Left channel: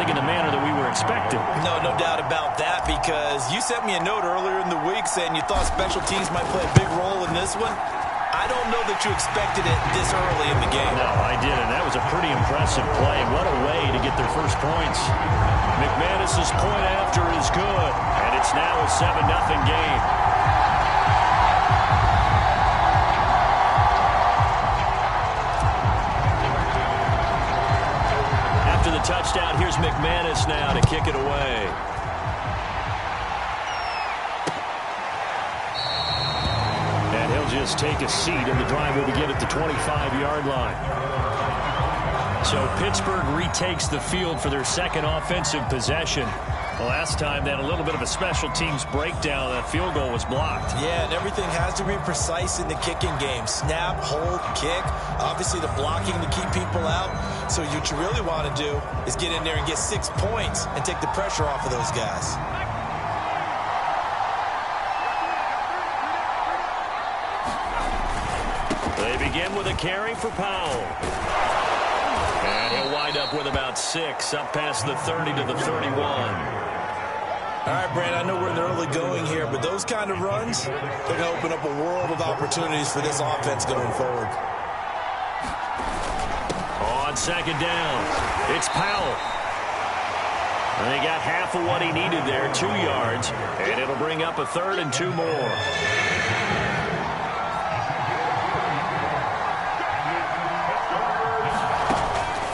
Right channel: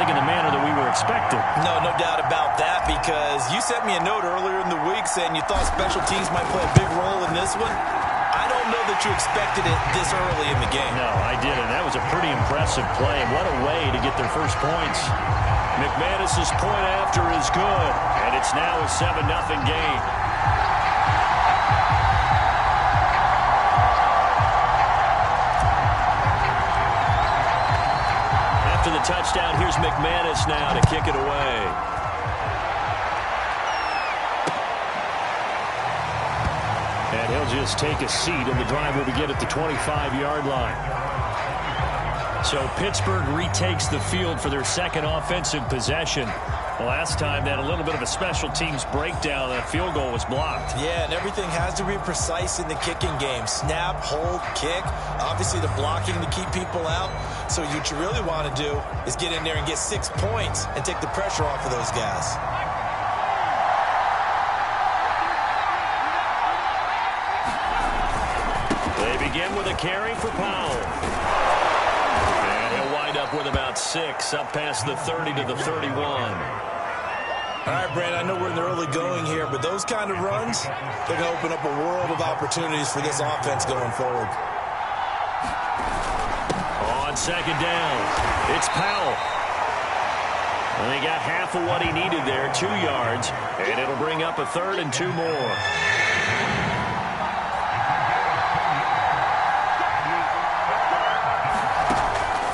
think in the manner that we were expecting. No doubt about that, because you sent me a note earlier in the week saying you thought special teams might play a big role in this one. I don't know that you expected it this early in the game. No, I didn't. That was a pretty impressive play. What a way to get their first points. McManus's point after is good, and it's now a 7-0 game. After the touchdown, here's McManus now to kick it away. And he'll just take a seat, and the drive will begin at the 25-yard line. So Pittsburgh retakes the field for their second offensive possession. Last time they had a little bit of a special teams breakdown. That field goal was blocked. Yeah, and everything has to be precise in the kicking game. Snap, hold, kick. Obviously the blocking to keep people out. So what you really want to do is get in there and get 6 points and take the pressure off of those guys. They begin with a carry for Powell. And he'll wind up with about 6, up past the 30 to the 31. All right, Brand, I know we're in the early going here, but those kind of runs, they're going to open up a world of opportunities for this offense going forward. On second down, it's Powell. And he got half of what he needed there, 2 yards, and it'll bring up a 3rd and 2 more.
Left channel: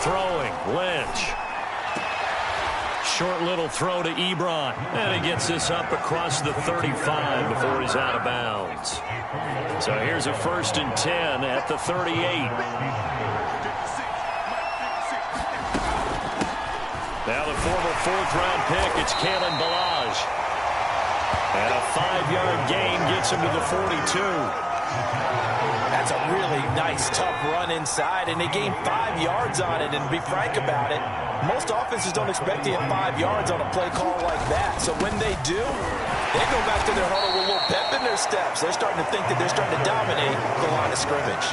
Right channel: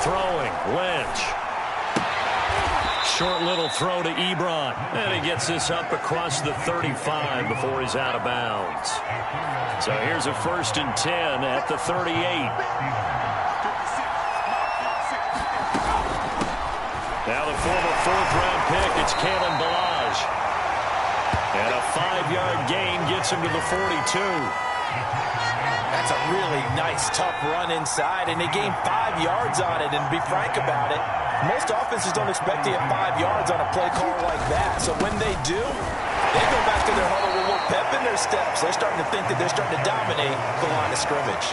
Throwing, Lynch. Short little throw to Ebron. And he gets this up across the 35 before he's out of bounds. So here's a 1st and 10 at the 38. Now the former 4th-round pick, it's Kalen Ballage. And a 5-yard gain gets him to the 42. That's a really nice, tough run inside, and they gained 5 yards on it. And to be frank about it, most offenses don't expect to get 5 yards on a play call like that. So when they do, they go back to their huddle with a little pep in their steps. They're starting to think that they're starting to dominate the line of scrimmage.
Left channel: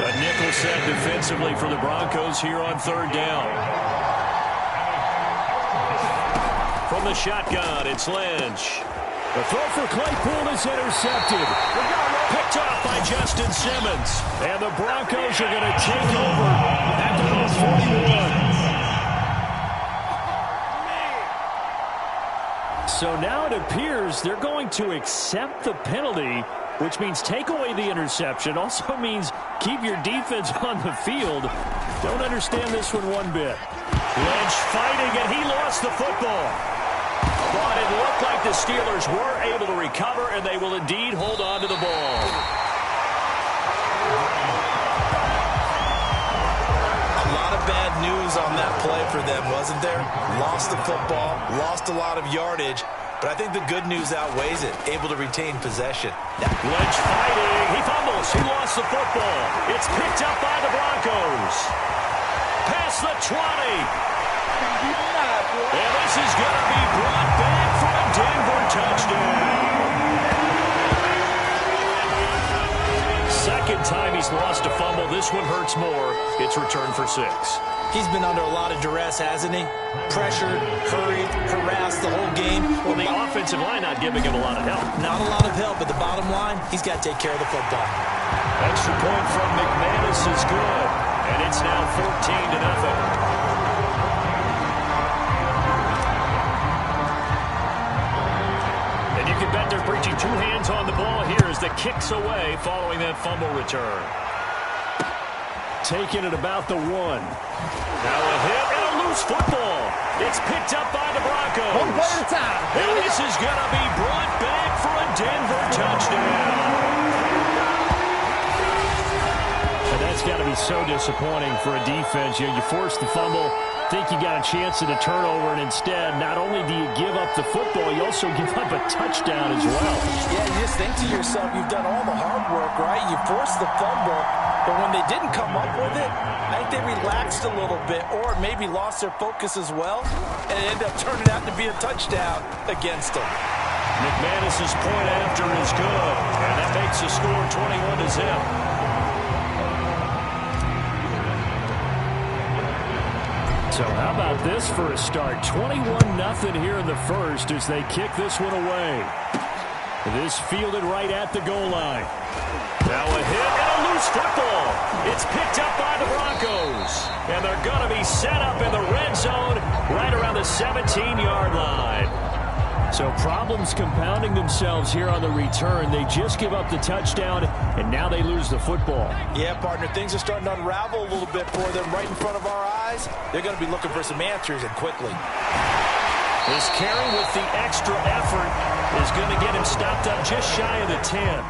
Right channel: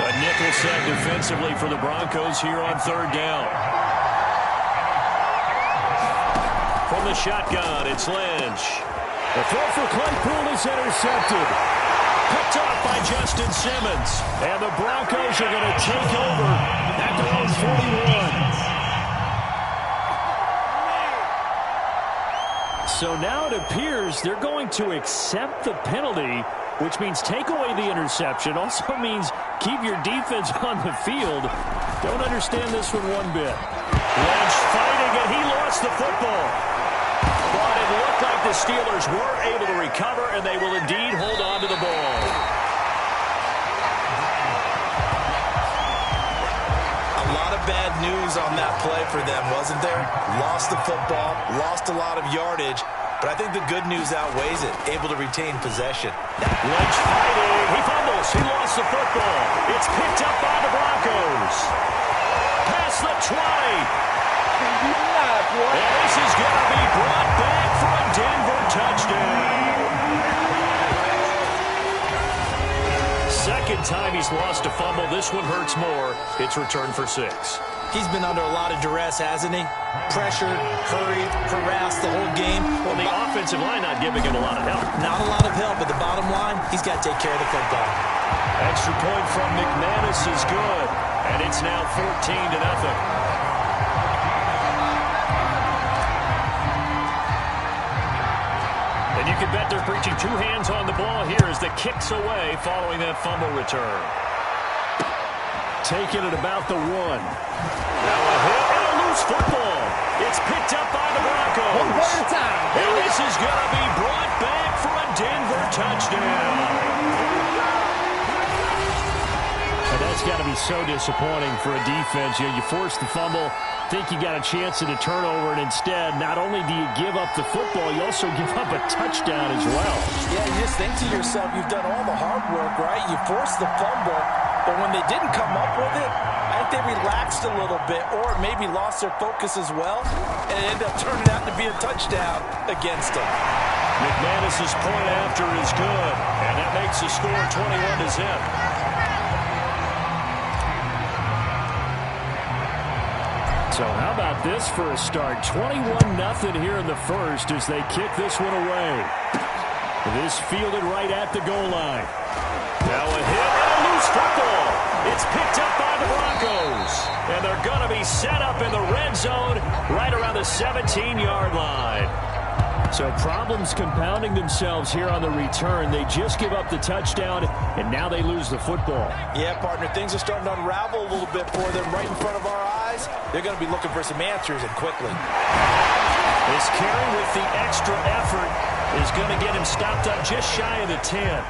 A nickel set defensively for the Broncos here on 3rd down. From the shotgun, it's Lynch. The throw for Claypool is intercepted. Picked off by Justin Simmons. And the Broncos are going to take over at their own 41. So now it appears they're going to accept the penalty, which means take away the interception. Also means keep your defense on the field. Don't understand this one bit. Lynch fighting, and he lost the football. But it looked like the Steelers were able to recover, and they will indeed hold on to the ball. A lot of bad news on that play for them, wasn't there? Lost the football, lost a lot of yardage, but I think the good news outweighs it. Able to retain possession. Lynch fighting. He fumbles. He lost the football. It's picked up by the Broncos. Past the 20. And this is going to be brought back for a Denver touchdown. Second time he's lost a fumble. This one hurts more. It's returned for 6. He's been under a lot of duress, hasn't he? Pressured, hurried, harassed the whole game. Well, the offensive line not giving him a lot of help. Not a lot of help, but the bottom line, he's got to take care of the football. Extra point from McManus is good. And it's now 14-0. And you can bet they're preaching 2 hands on the ball here as the kick's away following that fumble return. Taking it about the 1. Now a hit and a loose football. It's picked up by the Broncos. 1 play at a time. And this is going to be brought back for a Denver touchdown. And that's got to be so disappointing for a defense. You force the fumble, think you got a chance at a turnover, and instead, not only do you give up the football, you also give up a touchdown as well. Yeah, you just think to yourself, you've done all the hard work, right? You forced the fumble, but when they didn't come up with it, I think they relaxed a little bit or maybe lost their focus as well, and it ended up turning out to be a touchdown against them. McManus's point after is good, and that makes the score 21-0. So how about this for a start? 21-0 here in the first as they kick this one away. This fielded right at the goal line. Now a hit and a loose football. It's picked up by the Broncos. And they're going to be set up in the red zone right around the 17-yard line. So problems compounding themselves here on the return. They just give up the touchdown, and now they lose the football. Yeah, partner, things are starting to unravel a little bit for them right in front of our eyes. They're going to be looking for some answers, and quickly. This carry with the extra effort is going to get him stopped up just shy of the 10.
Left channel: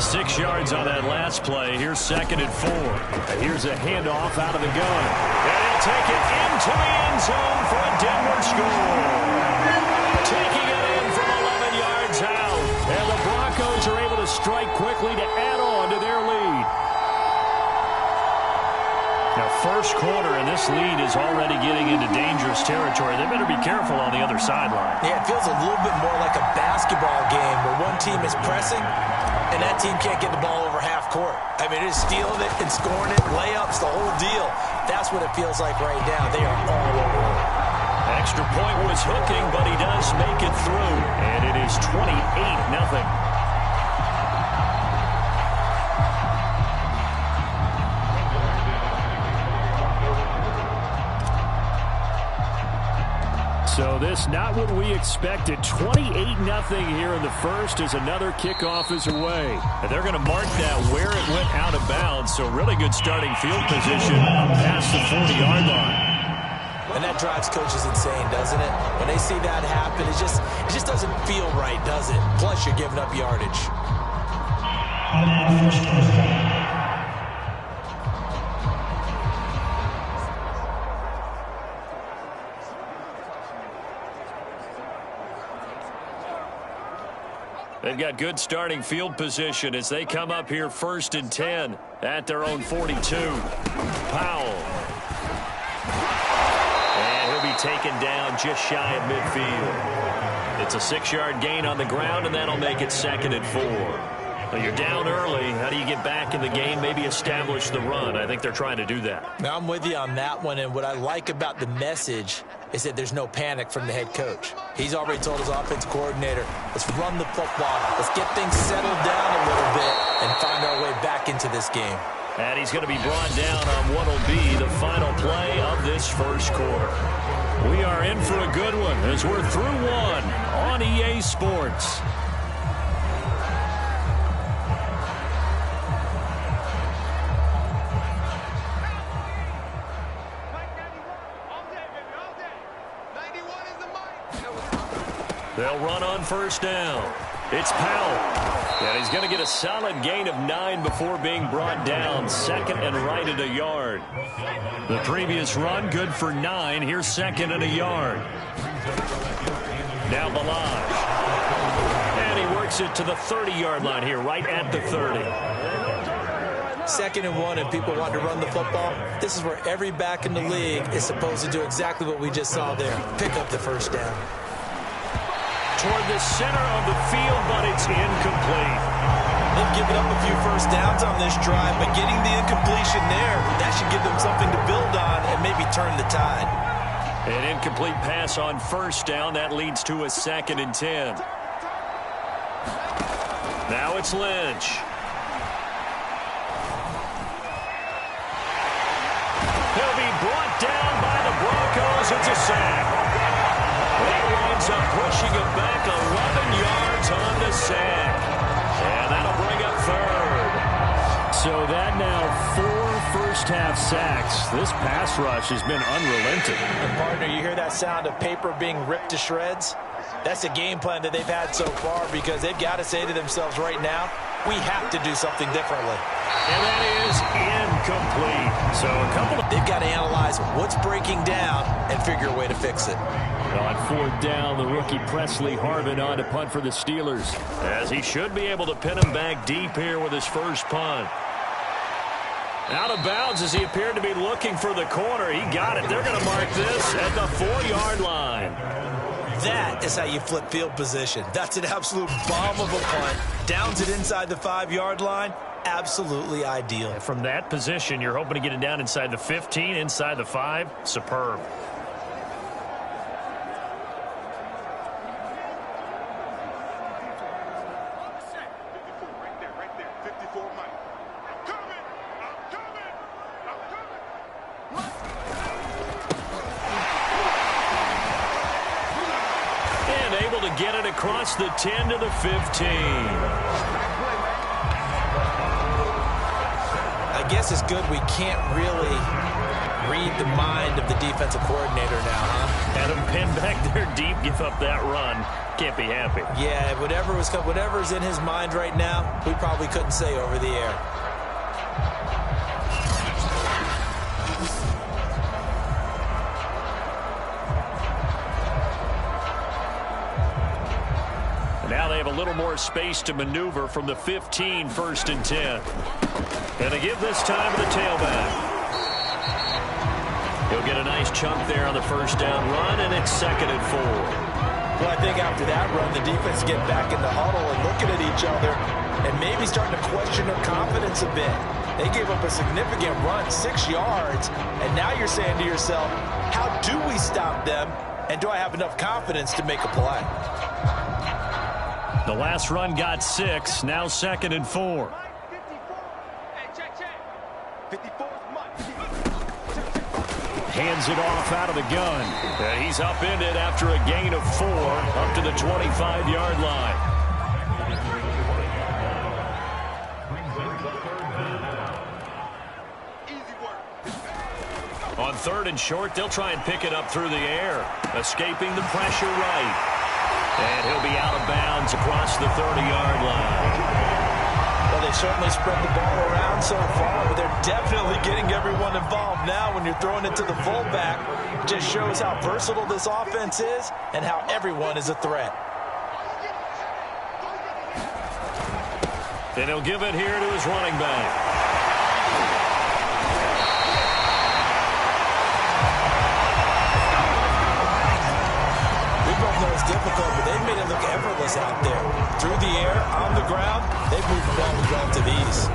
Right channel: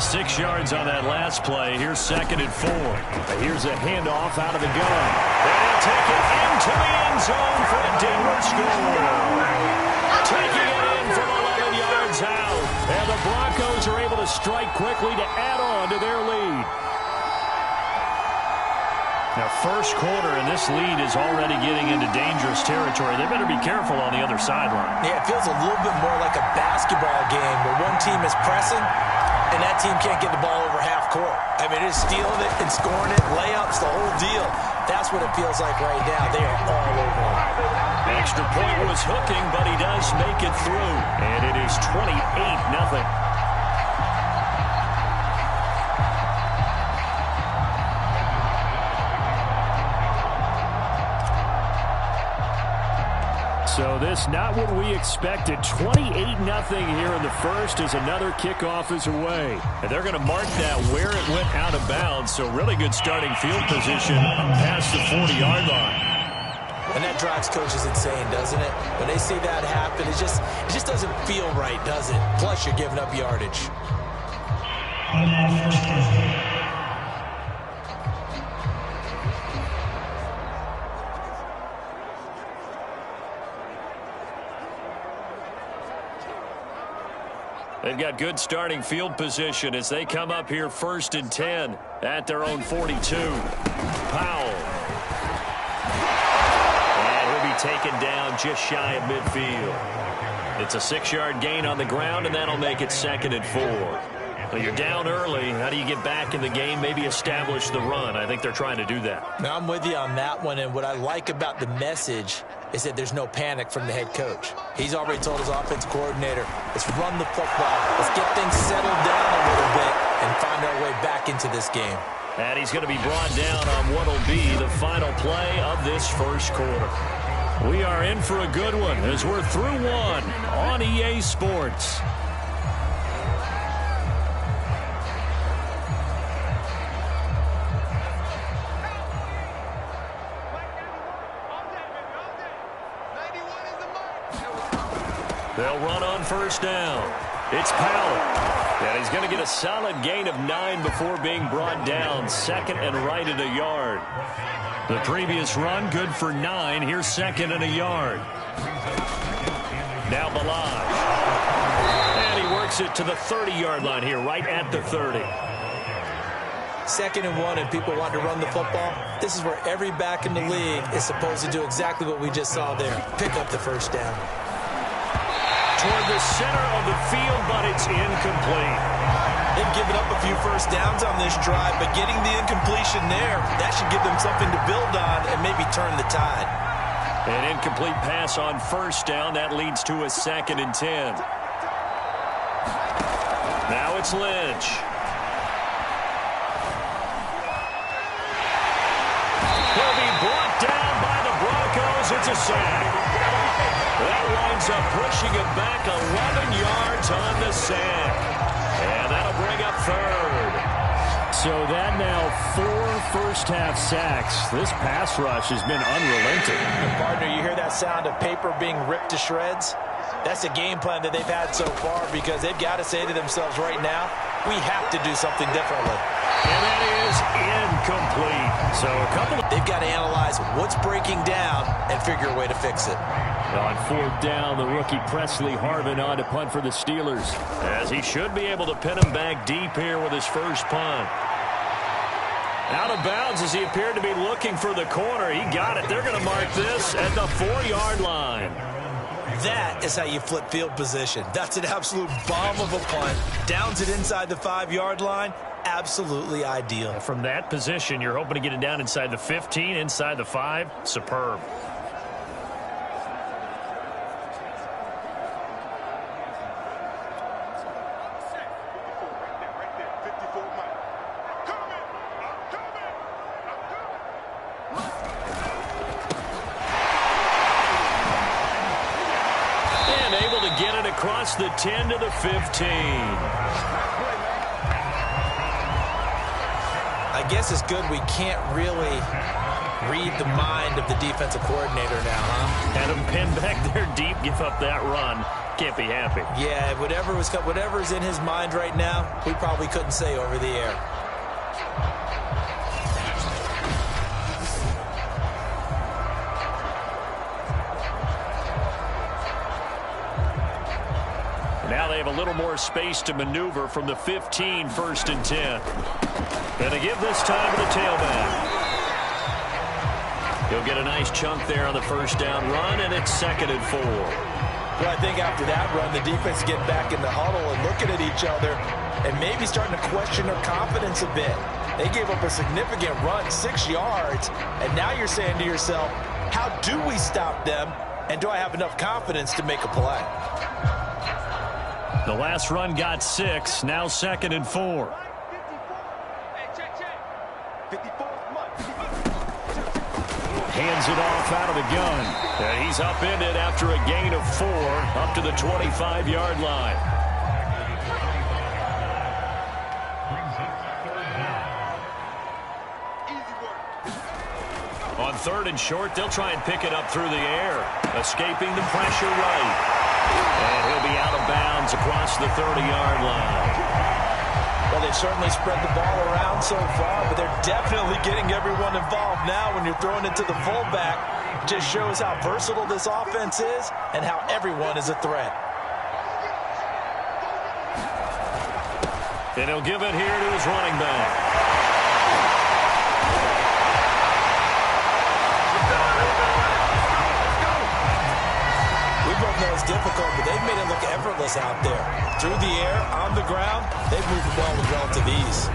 6 yards on that last play. Here's 2nd and 4. Here's a handoff out of the gun. And he'll take it into the end zone for a Denver score. Taking it in from 11 yards out. And the Broncos are able to strike quickly to add on to their lead. Now, first quarter, and this lead is already getting into dangerous territory. They better be careful on the other sideline. Yeah, it feels a little bit more like a basketball game where one team is pressing and that team can't get the ball over half court. I mean, it is stealing it and scoring it, layups, the whole deal. That's what it feels like right now. They are all over it. Extra point was hooking, but he does make it through. And it is 28-0. So this not what we expected. 28-0 here in the first as another kickoff is away. And they're going to mark that where it went out of bounds. So really good starting field position up past the 40-yard line. And that drives coaches insane, doesn't it? When they see that happen, it just doesn't feel right, does it? Plus, you're giving up yardage. They've got good starting field position as they come up here 1st and 10 at their own 42. Powell. And he'll be taken down just shy of midfield. It's a 6-yard gain on the ground, and that'll make it 2nd and 4. Well, you're down early. How do you get back in the game? Maybe establish the run. I think they're trying to do that. Now, I'm with you on that one, and what I like about the message is that there's no panic from the head coach. He's already told his offense coordinator, let's run the football. Let's get things settled down a little bit and find our way back into this game. And he's going to be brought down on what will be the final play of this first quarter. We are in for a good one as we're through one on EA Sports. They'll run on first down. It's Powell. And he's going to get a solid gain of 9 before being brought down. 2nd and right at a yard. The previous run good for 9. Here's 2nd and a yard. Now Ballage. And he works it to the 30-yard line here, right at the 30. 2nd and 1, and people want to run the football. This is where every back in the league is supposed to do exactly what we just saw there. Pick up the first down. Toward the center of the field, but it's incomplete. They've given up a few first downs on this drive, but getting the incompletion there, that should give them something to build on and maybe turn the tide. An incomplete pass on first down. That leads to a 2nd and 10. Now it's Lynch. He'll be brought down by the Broncos. It's a sack. That winds up pushing him back 11 yards on the sack. And that'll bring up 3rd. So that now 4 first-half sacks. This pass rush has been unrelenting. And partner, you hear that sound of paper being ripped to shreds? That's the game plan that they've had so far because they've got to say to themselves right now, we have to do something differently. And that is incomplete. So they've got to analyze what's breaking down and figure a way to fix it. On 4th down, the rookie Presley Harvin on to punt for the Steelers, as he should be able to pin him back deep here with his first punt. Out of bounds as he appeared to be looking for the corner. He got it. They're going to mark this at the 4-yard line. That is how you flip field position. That's an absolute bomb of a punt. Downs it inside the 5-yard line. absolutely ideal. And from that position, you're hoping to get it down inside the 15, inside the 5. Superb. And able to get it across the 10 to the 15. I guess it's good we can't really read the mind of the defensive coordinator now, huh? Had him pinned back there deep, give up that run. Can't be happy. Yeah, whatever's in his mind right now, we probably couldn't say over the air. Now they have a little more space to maneuver from the 15, 1st and 10. And they give this time to the tailback. He'll get a nice chunk there on the 1st down run, and it's 2nd and 4. Well, I think after that run, the defense get back in the huddle and looking at each other and maybe starting to question their confidence a bit. They gave up a significant run, 6 yards, and now you're saying to yourself, how do we stop them, and do I have enough confidence to make a play? The last run got 6, now 2nd and 4. Hands it off out of the gun. And he's upended after a gain of 4 up to the 25-yard line. On 3rd and short, they'll try and pick it up through the air, escaping the pressure right. And he'll be out of bounds across the 30-yard line. Well, they've certainly spread the ball around so far, but they're definitely getting everyone involved now when you're throwing it to the fullback. It just shows how versatile this offense is and how everyone is a threat. And he'll give it here to his running back. We both know it's difficult, but they've made it look effortless out there. Through the air, on the ground, they've moved the ball with relative ease.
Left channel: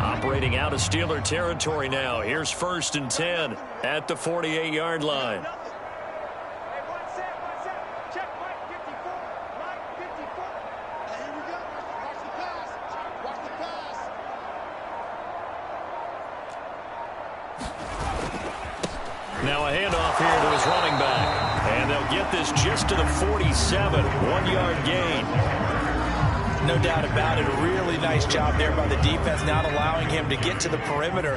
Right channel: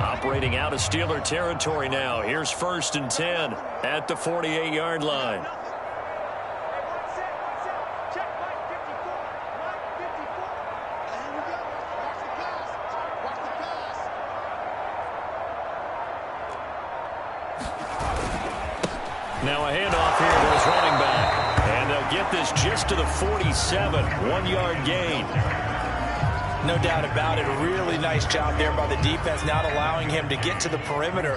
Operating out of Steeler territory now. Here's 1st and 10 at the 48-yard line. Now a handoff here to his running back. And they'll get this just to the 47, 1-yard gain. No doubt about it. A really nice job there by the defense, not allowing him to get to the perimeter.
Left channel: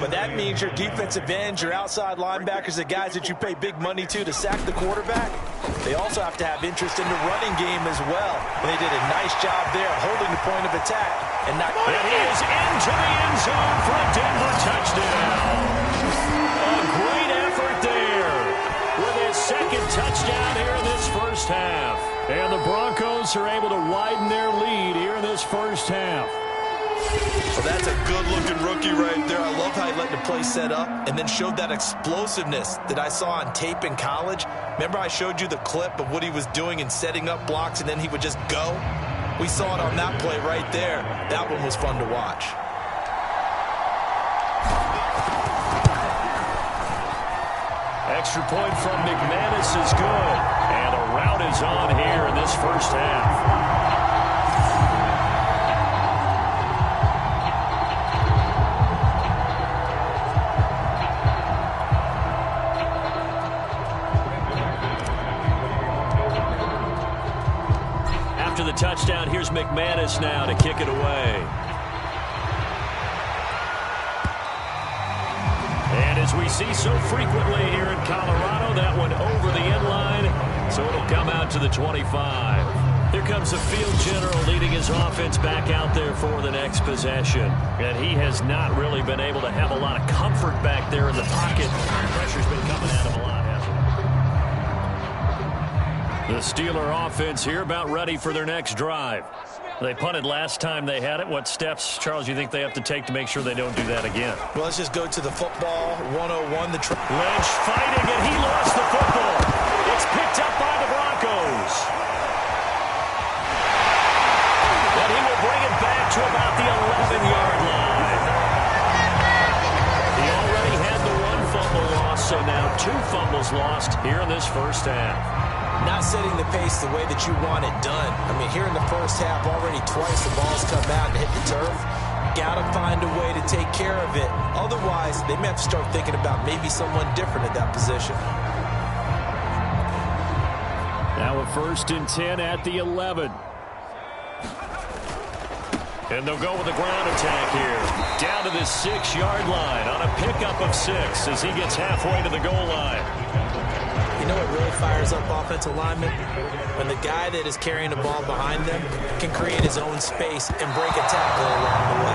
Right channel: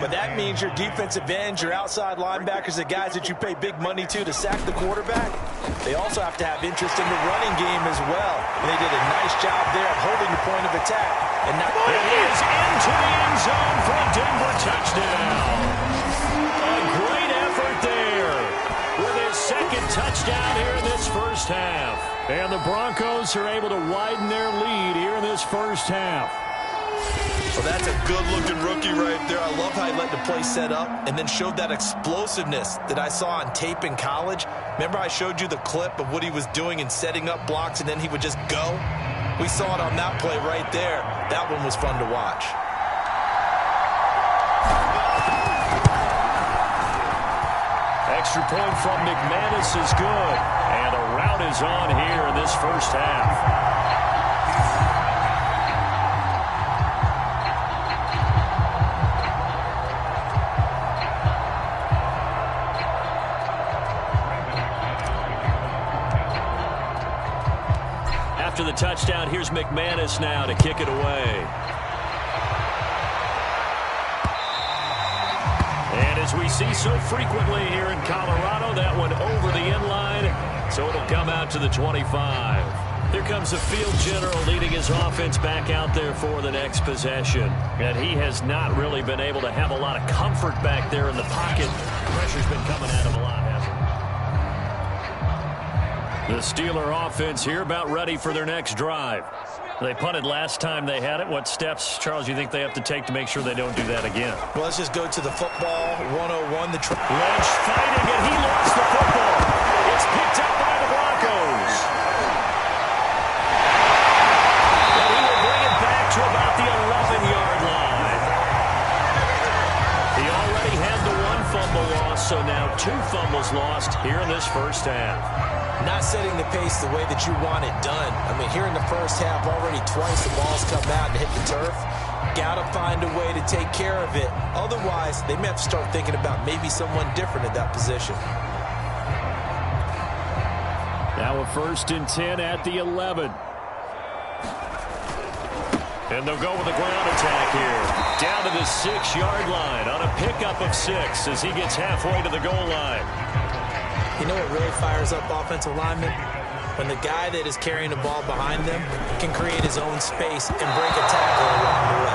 But that means your defensive ends, your outside linebackers, the guys that you pay big money to sack the quarterback, they also have to have interest in the running game as well. And they did a nice job there of holding the point of attack. And he is into the end zone for a Denver touchdown. A great effort there with his 2nd touchdown here in this 1st half. And the Broncos are able to widen their lead here in this 1st half. Well, that's a good-looking rookie right there. I love how he let the play set up and then showed that explosiveness that I saw on tape in college. Remember I showed you the clip of what he was doing and setting up blocks, and then he would just go? We saw it on that play right there. That one was fun to watch. Extra point from McManus is good. And a rout is on here in this 1st half. After the touchdown, here's McManus now to kick it away. And as we see so frequently here in Colorado, that one over the end line, so it'll come out to the 25. Here comes the field general leading his offense back out there for the next possession. And he has not really been able to have a lot of comfort back there in the pocket. Pressure's been coming at him a lot, hasn't The Steeler offense here about ready for their next drive. They punted last time they had it. What steps, Charles, you think they have to take to make sure they don't do that again? Well, let's just go to the football 101. Lynch fighting, and he lost the football. It's picked up by the Broncos. And he will bring it back to about the 11-yard line. He already had the one fumble loss, so now 2 fumbles lost here in this first half. Not setting the pace the way that you want it done. I mean, here in the first half, already twice the ball's come out and hit the turf. Got to find a way to take care of it. Otherwise, they may have to start thinking about maybe someone different at that position. Now a 1st and 10 at the 11. And they'll go with a ground attack here. Down to the 6-yard line on a pickup of 6 as he gets halfway to the goal line. You know what really fires up offensive linemen? When the guy that is carrying the ball behind them can create his own space and break a tackle along the way.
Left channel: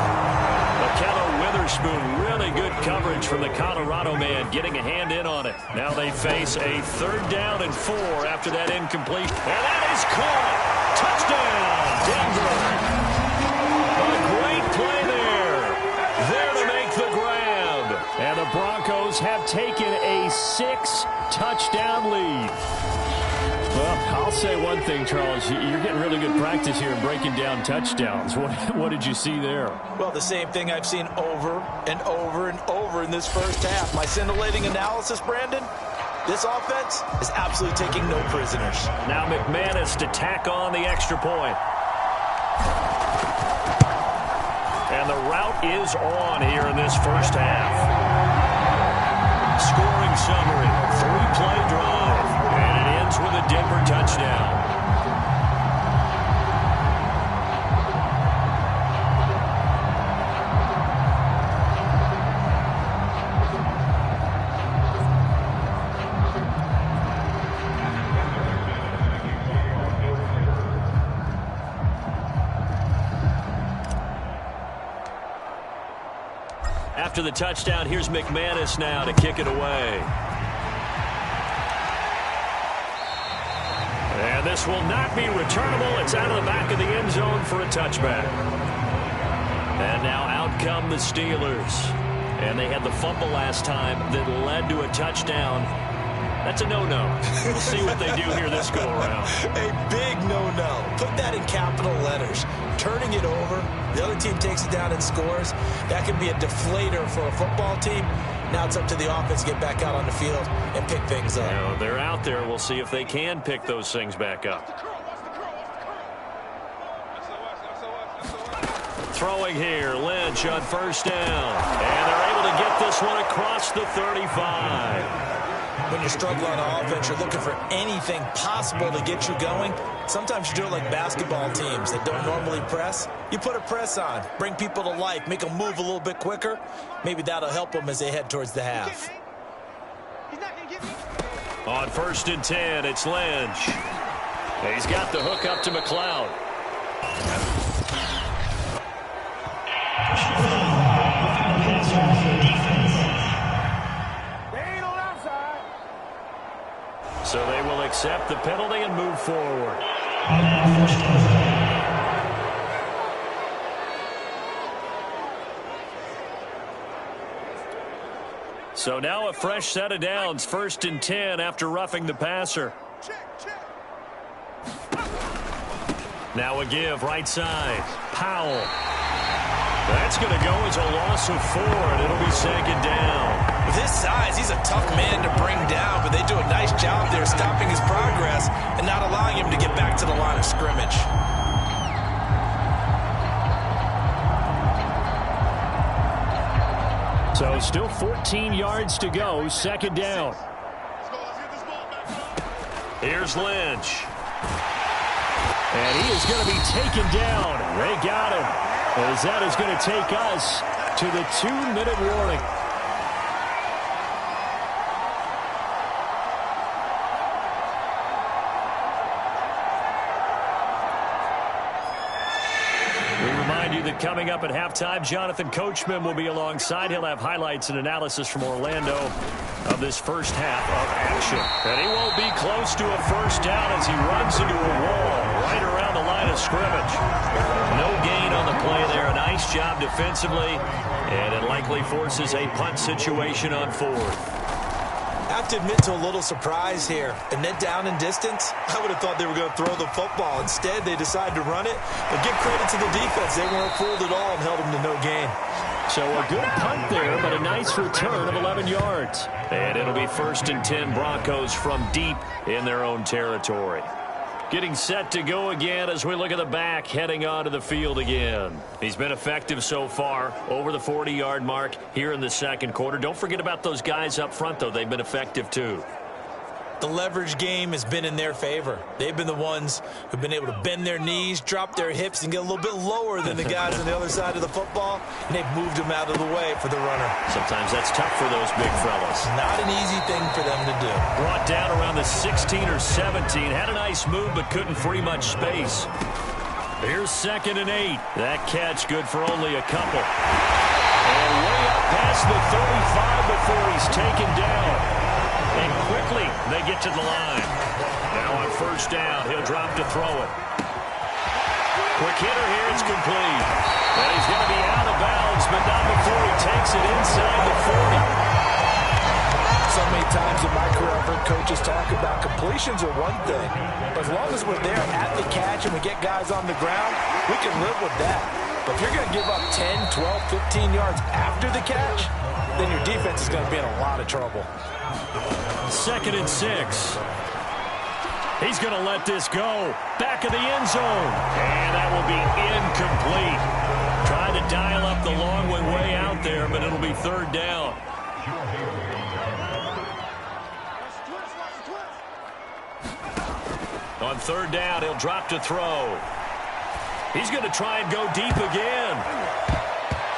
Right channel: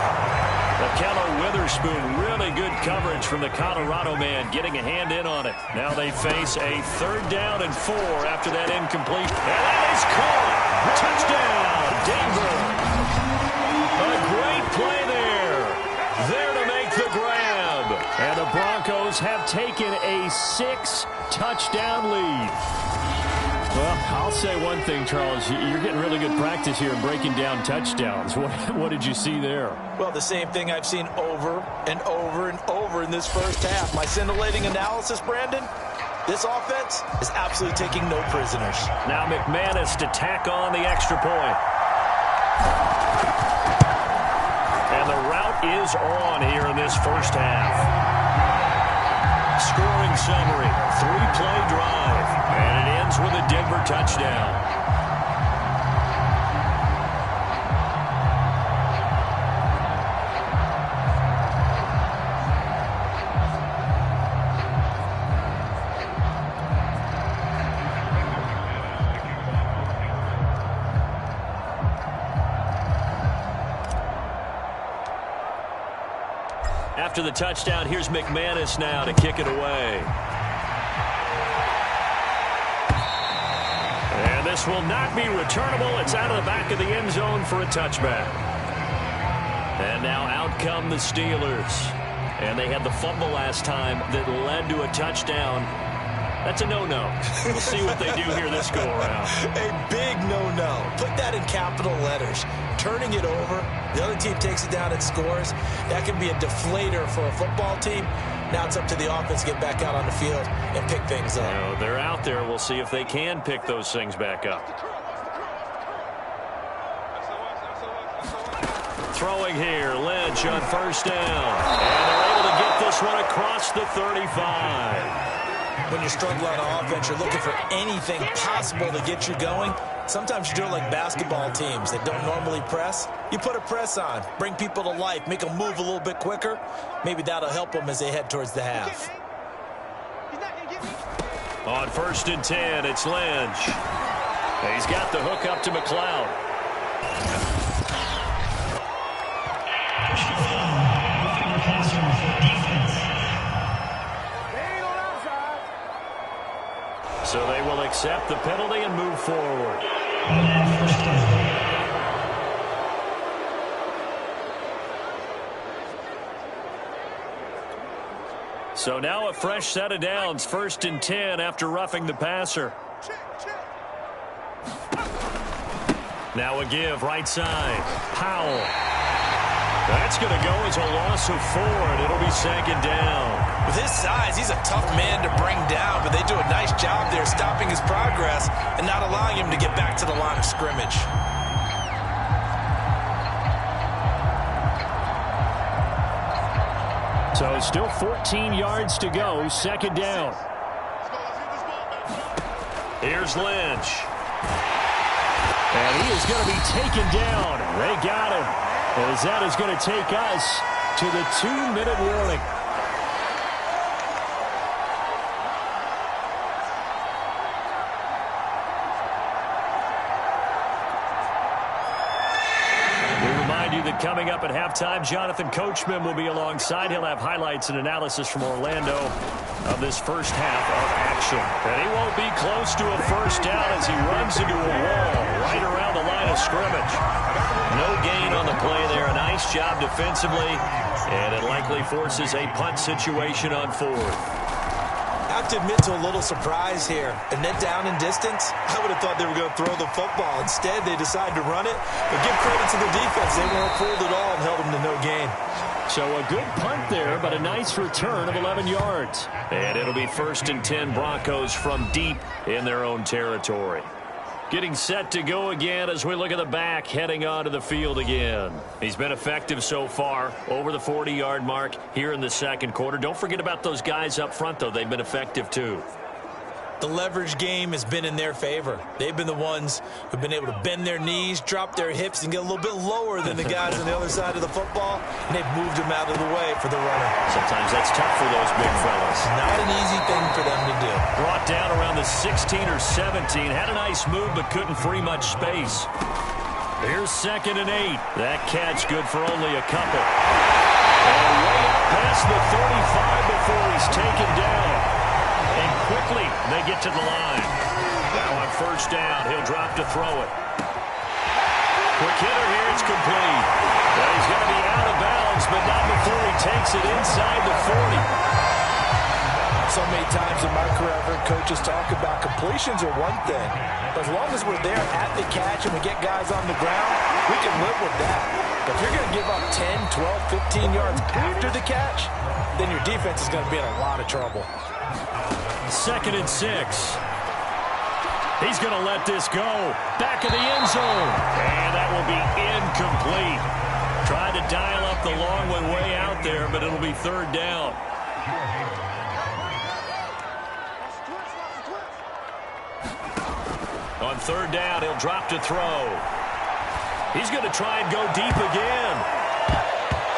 Ahkello Witherspoon, really good coverage from the Colorado man, getting a hand in on it. Now they face a 3rd down and 4 after that incompletion. And that is caught. Touchdown, Denver. A great play there. There to make the grab. And the Broncos have taken a 6-touchdown lead. Well, I'll say one thing, Charles. You're getting really good practice here in breaking down touchdowns. What did you see there? Well, the same thing I've seen over and over and over in this first half. My scintillating analysis, Brandon, this offense is absolutely taking no prisoners. Now McManus to tack on the extra point. And the route is on here in this first half. Scoring summary, 3-play drive. And it ends with a Denver touchdown. After the touchdown, here's McManus now to kick it away. And this will not be returnable. It's out of the back of the end zone for a touchback. And now out come the Steelers. And they had the fumble last time that led to a touchdown. That's a no-no. We'll see what they do here this go-around. A big no-no. Put that in capital letters. Turning it over, the other team takes it down and scores. That can be a deflator for a football team. Now it's up to the offense to get back out on the field and pick things up. You know, they're out there. We'll see if they can pick those things back up. Throwing here, Lynch on 1st down. And they're able to get this one across the 35. When you're struggling on offense, you're looking for anything possible to get you going. Sometimes you do it like basketball teams that don't normally press. You put a press on, bring people to life, make them move a little bit quicker. Maybe that'll help them as they head towards the half. On 1st and 10, it's Lynch. He's got the hook up to McLeod. So they will accept the penalty and move forward. So now a fresh set of downs, 1st and 10 after roughing the passer. Now a give, right side. Powell. That's going to go as a loss of 4, and it'll be 2nd down. With his size, he's a tough man to bring down, but they do a nice job there stopping his progress and not allowing him to get back to the line of scrimmage. So still 14 yards to go, 2nd down. Here's Lynch. And he is going to be taken down. They got him. As that is going to take us to the 2-minute warning. We remind you that coming up at halftime. Jonathan Coachman will be alongside. He'll have highlights and analysis from Orlando of this first half of action. And he won't be close to a first down as he runs into a wall right around the line of scrimmage. No gain on the play there. A nice job defensively, and it likely forces a punt situation on fourth. I have to admit to a little surprise here. And then down in distance, I would have thought they were going to throw the football. Instead, they decided to run it. But give credit to the defense. They weren't fooled at all and held them to no gain. So a good punt there, but a nice return of 11 yards. And it'll be 1st and 10 Broncos from deep in their own territory. Getting set to go again as we look at the back, heading onto the field again. He's been effective so far, over the 40-yard mark here in the second quarter. Don't forget about those guys up front, though. They've been effective, too. The leverage game has been in their favor. They've been the ones who've been able to bend their knees, drop their hips, and get a little bit lower than the guys on the other side of the football, and they've moved them out of the way for the runner. Sometimes that's tough for those big fellas. Not an easy thing for them to do. Brought down around the 16 or 17. Had a nice move, but couldn't free much space. Here's 2nd and 8. That catch good for only a couple. And way up past the 35 before he's taken down. And quickly, they get to the line. Now on first down, he'll drop to throw it. Quick hitter here, it's complete. And he's going to be out of bounds, but not before he takes it inside the 40. So many times in my career, I've heard coaches talk about completions are one thing. But as long as we're there at the catch and we get guys on the ground, we can live with that. But if you're going to give up 10, 12, 15 yards after the catch, then your defense is going to be in a lot of trouble. 2nd and 6. He's going to let this go. Back of the end zone. And that will be incomplete. Tried to dial up the long one way out there, but it'll be 3rd down. On 3rd down, he'll drop to throw. He's going to try and go deep again.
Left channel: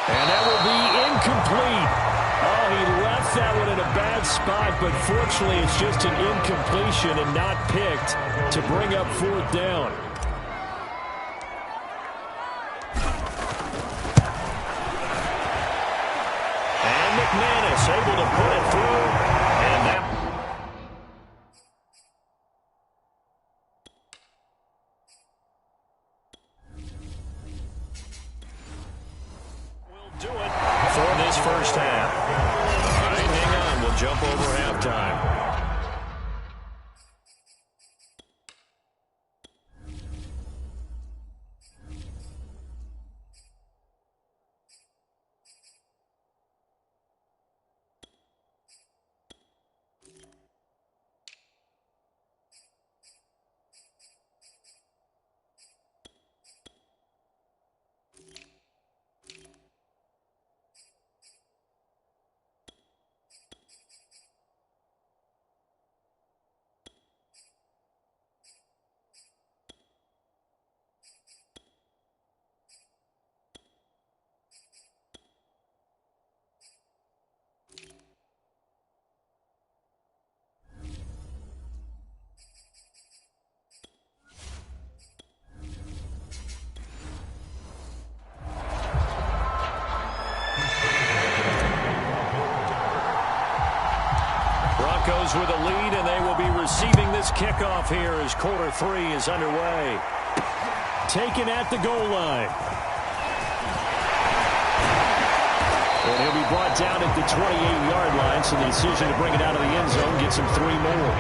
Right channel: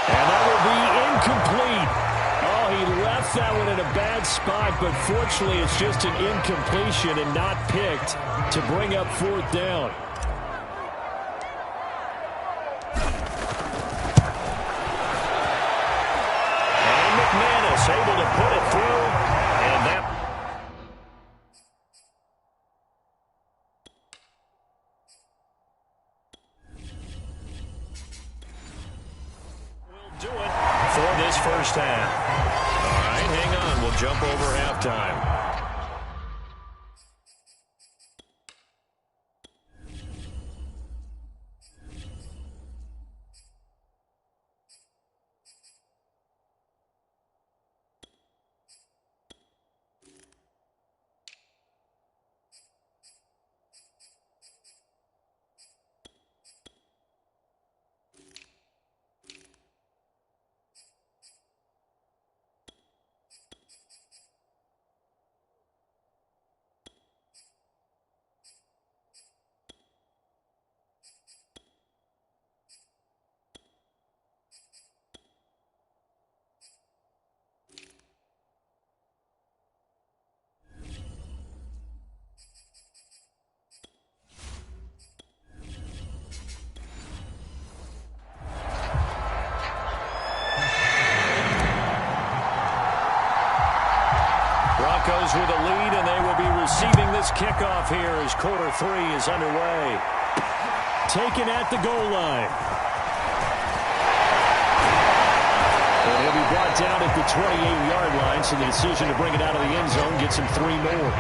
And that will be incomplete. Oh, he left that one in a bad spot, but fortunately it's just an incompletion and not picked to bring up 4th down. And McManus able to put it through, and that will do it for this first half. All right, hang on. We'll jump over halftime. Broncos with a lead, and they will be receiving this kickoff here as quarter 3 is underway. Taken at the goal line. And he'll be brought down at the 28-yard line, so the decision to bring it out of the end zone gets him 3 more.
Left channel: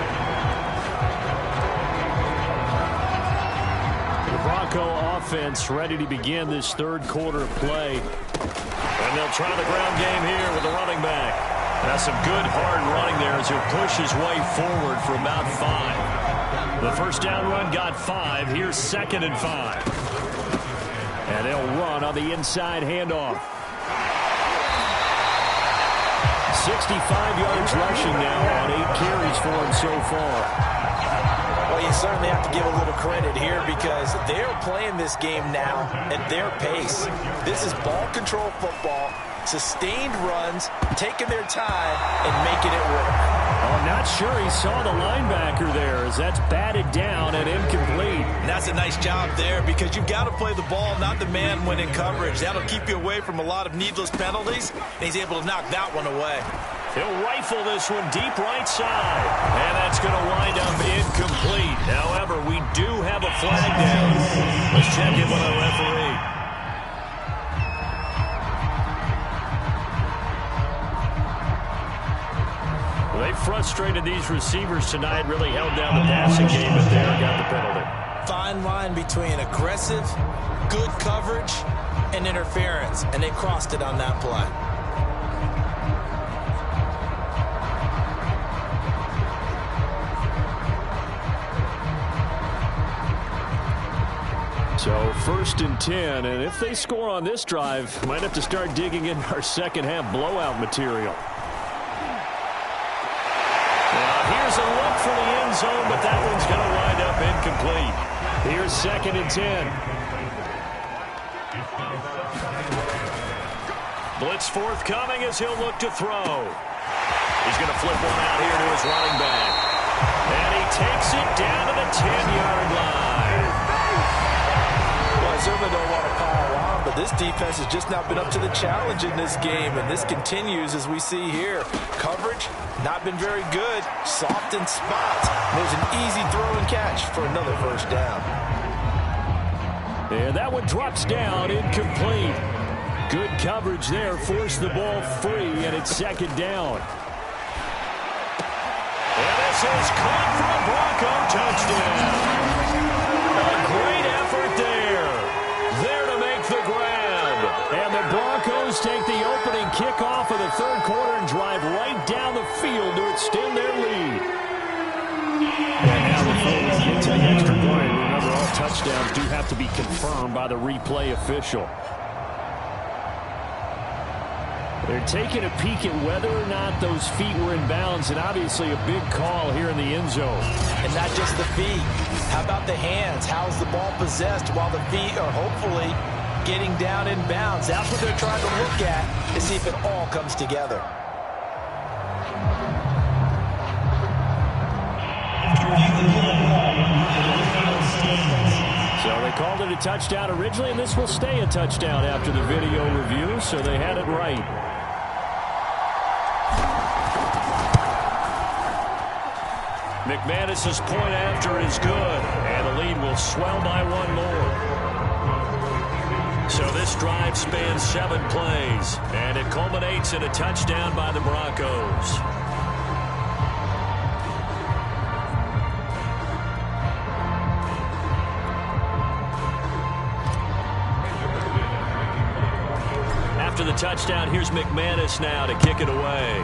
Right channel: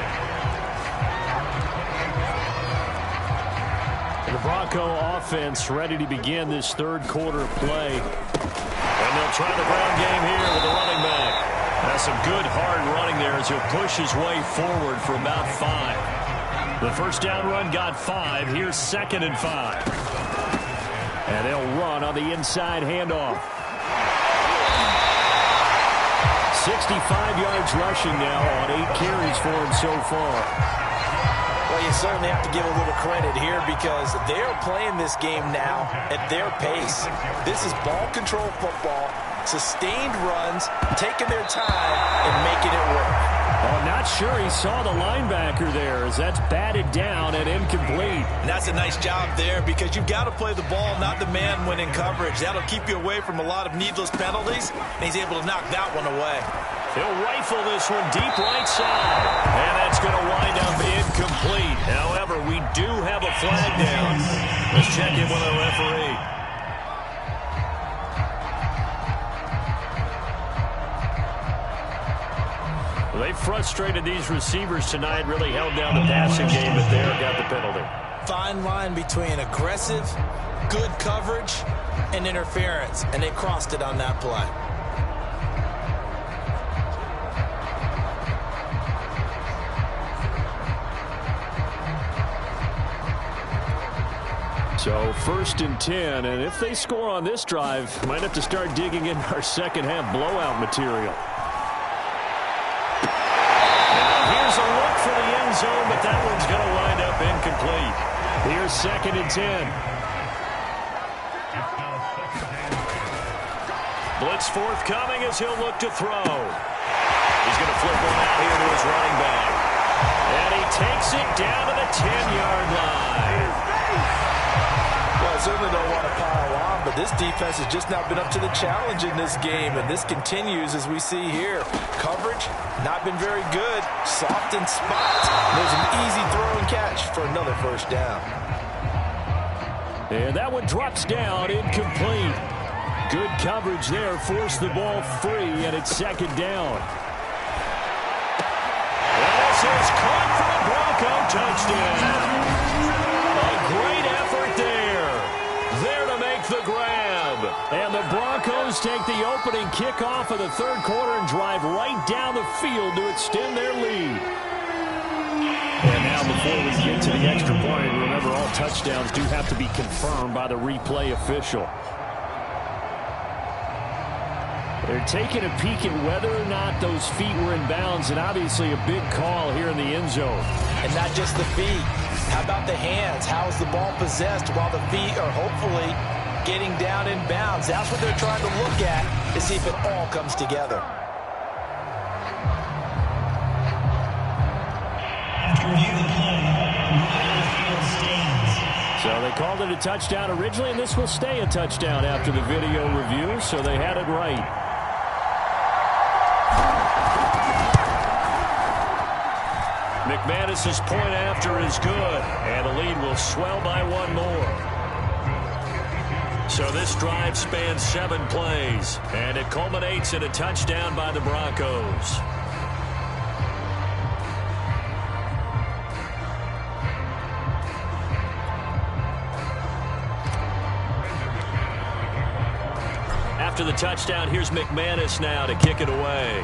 The Bronco offense ready to begin this third quarter play. And they'll try the ground game here with the running back. That's some good hard running there as he'll push his way forward for about 5. The first down run got 5. Here's 2nd and 5. And they'll run on the inside handoff. 65 yards rushing now on 8 carries for him so far. Well, you certainly have to give a little credit here because they're playing this game now at their pace. This is ball control football, sustained runs, taking their time, and making it work. Oh, not sure he saw the linebacker there as that's batted down and incomplete. And that's a nice job there because you've got to play the ball, not the man when in coverage. That'll keep you away from a lot of needless penalties, and he's able to knock that one away. He'll rifle this one deep right side. And that's going to wind up incomplete. However, we do have a flag down. Let's check in with our referee. They frustrated these receivers tonight, really held down the passing game, but there got the penalty. Fine line between aggressive, good coverage, and interference, and they crossed it on that play. So 1st and 10, and if they score on this drive, might have to start digging in our second half blowout material. Now here's a look for the end zone, but that one's going to wind up incomplete. Here's 2nd and 10. Blitz forthcoming as he'll look to throw. He's going to flip one out here to his running back. And he takes it down to the 10-yard line. Well, I certainly don't want to pile on, but this defense has just not been up to the challenge in this game, and this continues as we see here. Coverage, not been very good, soft in spots. There's an easy throw and catch for another first down. And that one drops down, incomplete. Good coverage there, forced the ball free, and it's 2nd down. And this is caught for a Bronco touchdown. A great effort there. There to make the grab. And the Broncos take the opening kickoff of the 3rd quarter and drive right down the field to extend their lead. And now before we get to the extra point, remember all touchdowns do have to be confirmed by the replay official. They're taking a peek at whether or not those feet were in bounds, and obviously a big call here in the end zone. And not just the feet. How about the hands? How's the ball possessed while the feet are hopefully getting down in bounds? That's what they're trying to look at to see if it all comes together. So they called it a touchdown originally, and this will stay a touchdown after the video review, so they had it right. McManus's point after is good, and the lead will swell by one more. So this drive spans 7 plays, and it culminates in a touchdown by the Broncos. After the touchdown, here's McManus now to kick it away.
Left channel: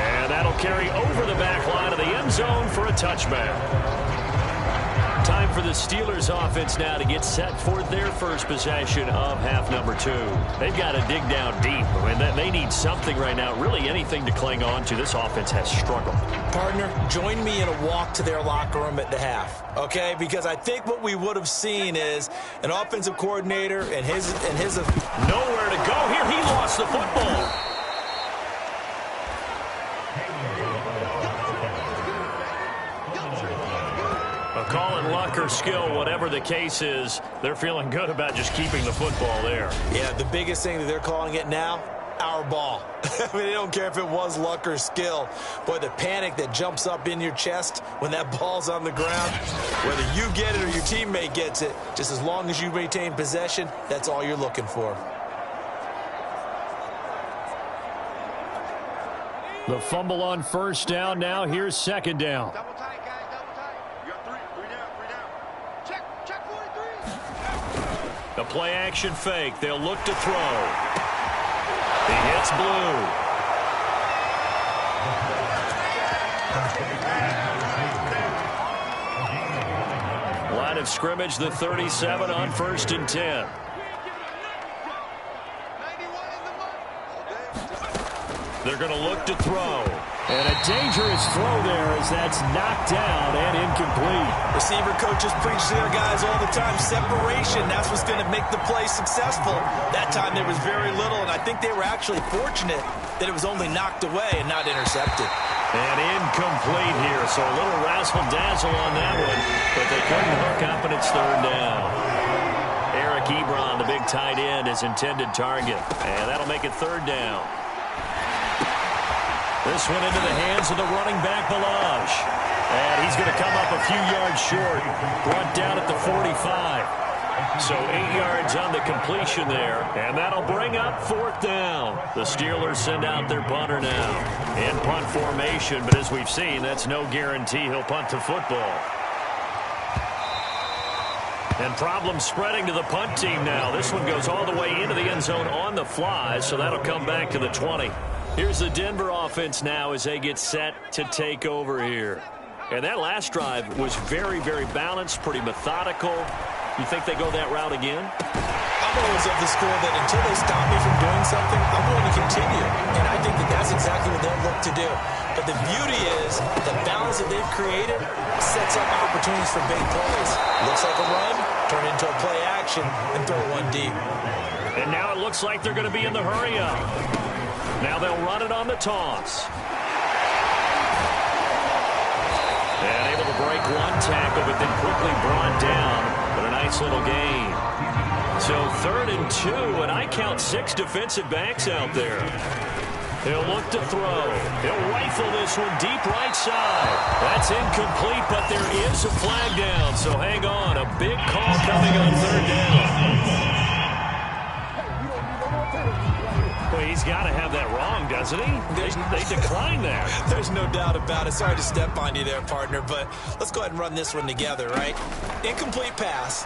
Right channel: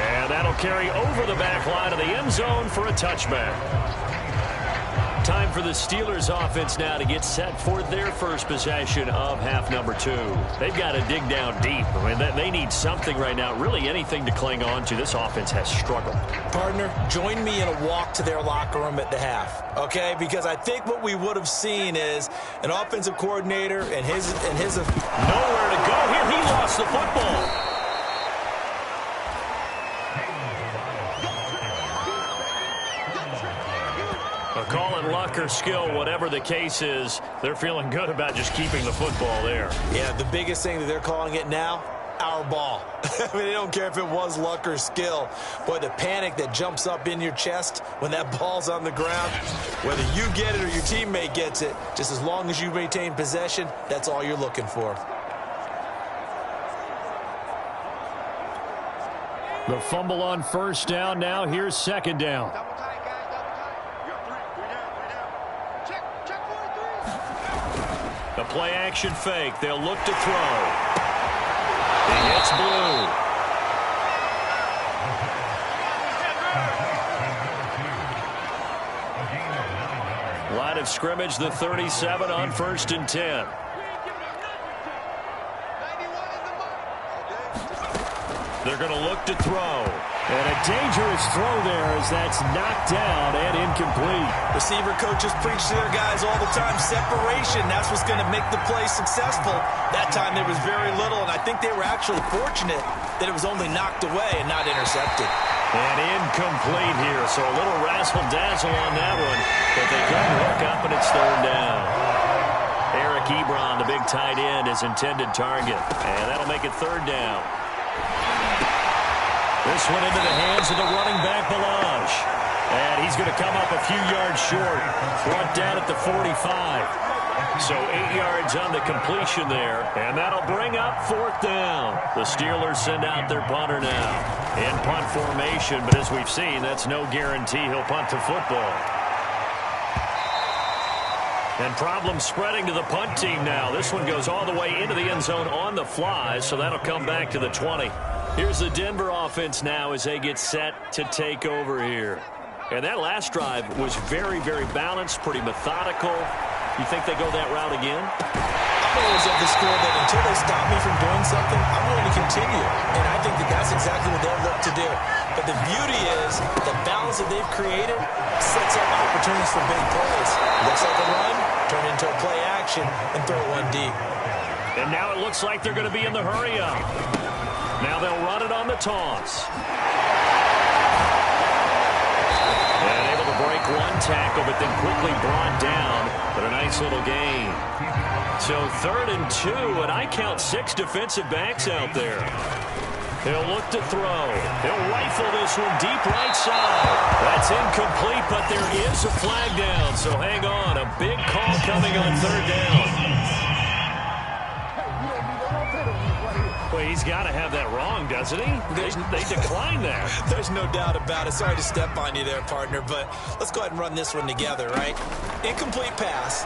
And that'll carry over the back line of the end zone for a touchback. Time for the Steelers offense now to get set for their first possession of half number 2. They've got to dig down deep. I mean, they need something right now, really anything to cling on to. This offense has struggled. Partner, join me in a walk to their locker room at the half, okay? Because I think what we would have seen is an offensive coordinator and his nowhere to go here. He lost the football. Call it luck or skill, whatever the case is, they're feeling good about just keeping the football there. Yeah, the biggest thing that they're calling it now, our ball. I mean, they don't care if it was luck or skill. Boy, the panic that jumps up in your chest when that ball's on the ground, whether you get it or your teammate gets it, just as long as you maintain possession, that's all you're looking for. The fumble on first down. Now here's 2nd down. Double tight, guys, double tight. You got 3 down. Check 43. The play action fake. They'll look to throw. He hits Blue. Line of scrimmage, the 37 on 1st and 10. They're going to look to throw. And a dangerous throw there as that's knocked down and incomplete. Receiver coaches preach to their guys all the time. Separation, that's what's going to make the play successful. That time there was very little, and I think they were actually fortunate that it was only knocked away and not intercepted. And incomplete here, so a little razzle-dazzle on that one, but they couldn't hook up, and it's third down. Eric Ebron, the big tight end, is intended target, and that'll make it third down. This one into the hands of the running back, Balaj. And he's going to come up a few yards short. Brought down at the 45. So 8 yards on the completion there. And that'll bring up fourth down. The Steelers send out their punter now. In punt formation, but as we've seen, that's no guarantee he'll punt the football. And problems spreading to the punt team now. This one goes all the way into the end zone on the fly, so that'll come back to the 20. Here's the Denver offense now as they get set to take over here. And that last drive was very, very balanced, pretty methodical. You think they go that route again? I'm always of the school that until they stop me from doing something, I'm going to continue. And I think that that's exactly what they'll look to do. But the beauty is the balance that they've created sets up opportunities for big plays. Looks like a run, turn into a play action, and throw one deep. And now it looks like they're going to be in the hurry-up. Now they'll run it on the toss. And able to break one tackle, but then quickly brought down. But a nice little gain. So 3rd and 2, and I count 6 defensive backs out there. He'll look to throw. He'll rifle this one deep right side. That's incomplete, but there is a flag down. So hang on. A big call coming on 3rd down. Well, he's got to have that wrong, doesn't he? They declined that. There's no doubt about it. Sorry to step on you there, partner, but let's go ahead and run this one together, right? Incomplete pass,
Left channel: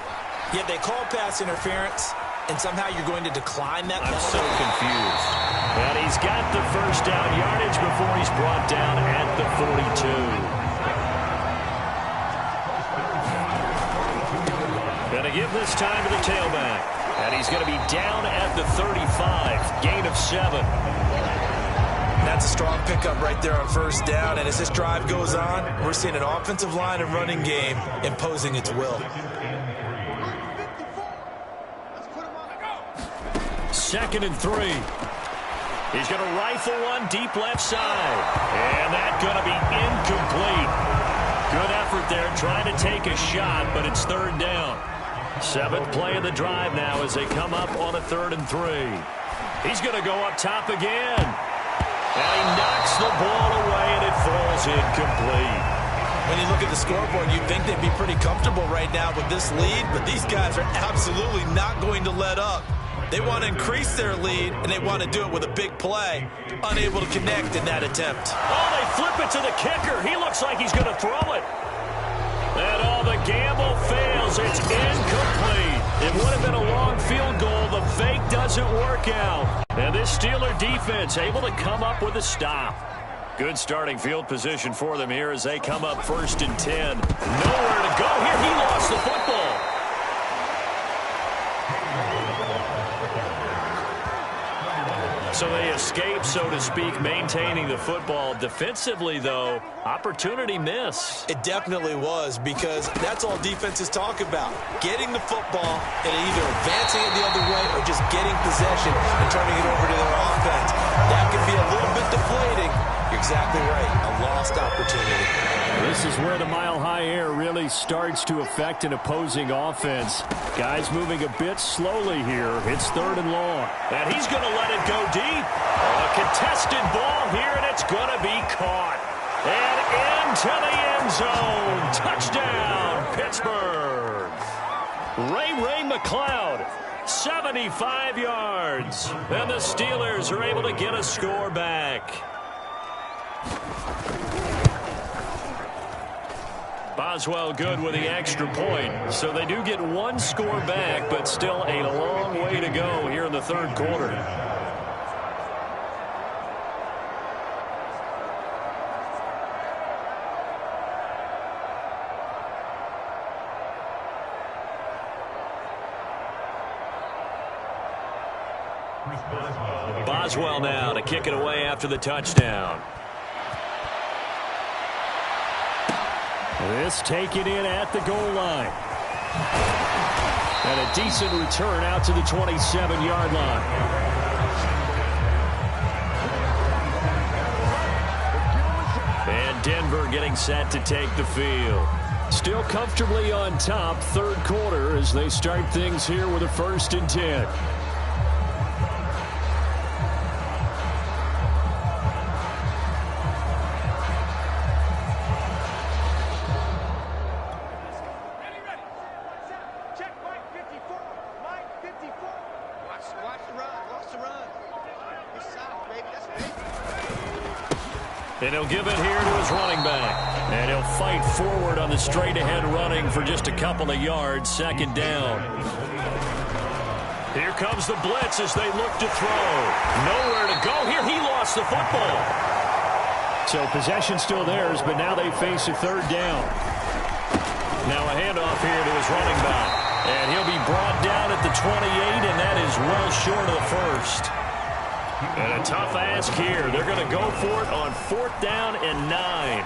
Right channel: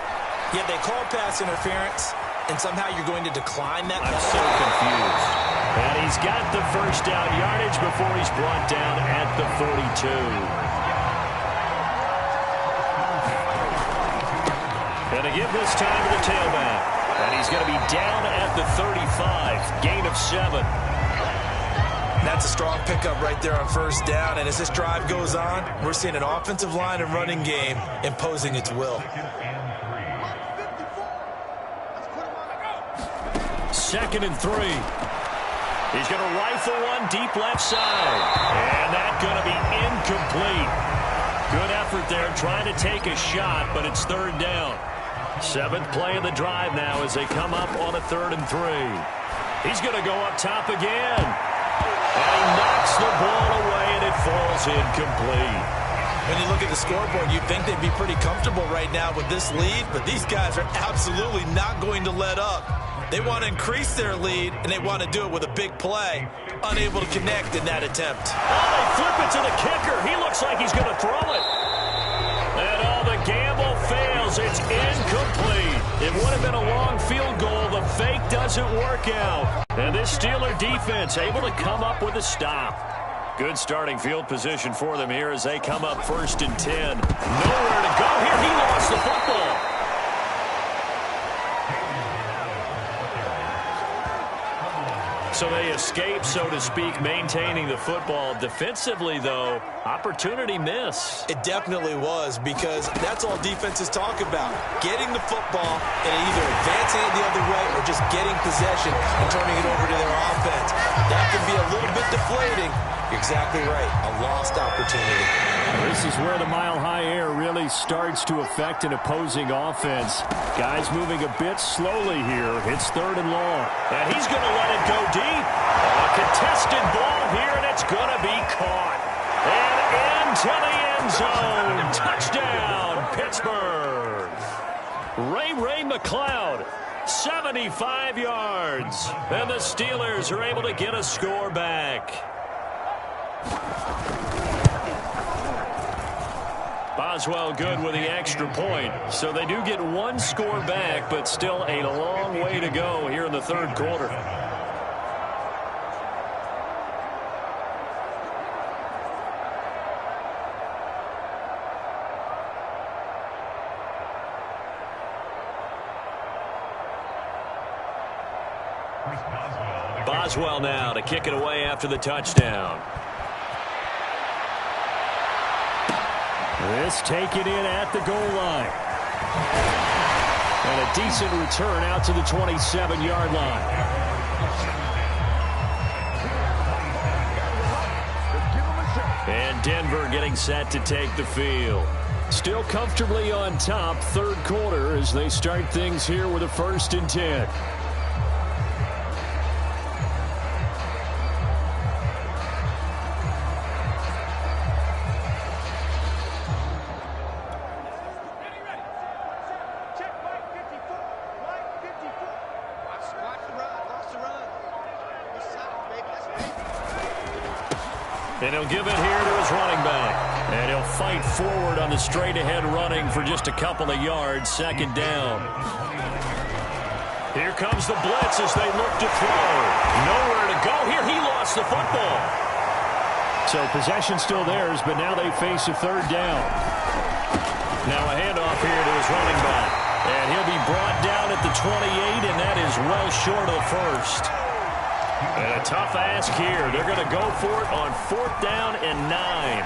yet they call pass interference, and somehow you're going to decline that penalty. I'm so confused. And he's got the first down yardage before he's brought down at the 42. Going to give this time to the tailback. And he's going to be down at the 35. Gain of 7. That's a strong pickup right there on first down. And as this drive goes on, we're seeing an offensive line and running game imposing its will. 2nd and 3. He's going to rifle one deep left side. And that's going to be incomplete. Good effort there trying to take a shot, but it's 3rd down. 7th play of the drive now as they come up on a 3rd and 3. He's going to go up top again. And he knocks the ball away, and it falls incomplete. When you look at the scoreboard, you'd think they'd be pretty comfortable right now with this lead, but these guys are absolutely not going to let up. They want to increase their lead, and they want to do it with a big play. Unable to connect in that attempt. Oh, they flip it to the kicker. He looks like he's going to throw it. And all the gamble fails. It's incomplete. It would have been a long field goal. The fake doesn't work out. And this Steeler defense able to come up with a stop. Good starting field position for them here as they come up 1st and 10. Nowhere to go here. He lost the football. So they escape, so to speak, maintaining the football. Defensively, though, opportunity miss. It definitely was, because that's all defenses talk about. Getting the football and either advancing it the other way or just getting possession and turning it over to their offense. That can be a little bit deflating. You're exactly right. A lost opportunity. This is where the mile-high air really starts to affect an opposing offense. Guys moving a bit slowly here. It's 3rd and long. And he's going to let it go deep. A contested ball here, and it's going to be caught. And into the end zone. Touchdown, Pittsburgh. Ray McCloud, 75 yards. And the Steelers are able to get a score back. Boswell good with the extra point. So they do get one score back, but still a long way to go here in the 3rd quarter. Boswell now to kick it away after the touchdown. This taken in at the goal line. And a decent return out to the 27-yard line. And Denver getting set to take the field. Still comfortably on top, third quarter, as they start things here with a 1st and 10. And he'll give it here to his running back. And he'll fight forward on the straight-ahead running for just a couple of yards. 2nd down. Here comes the blitz as they look to throw. Nowhere to go here. He lost the football. So possession still theirs, but now they face a 3rd down. Now a handoff here to his running back. And he'll be brought down at the 28, and that is well short of the 1st. And a tough ask here. They're going to go for it on 4th down and 9.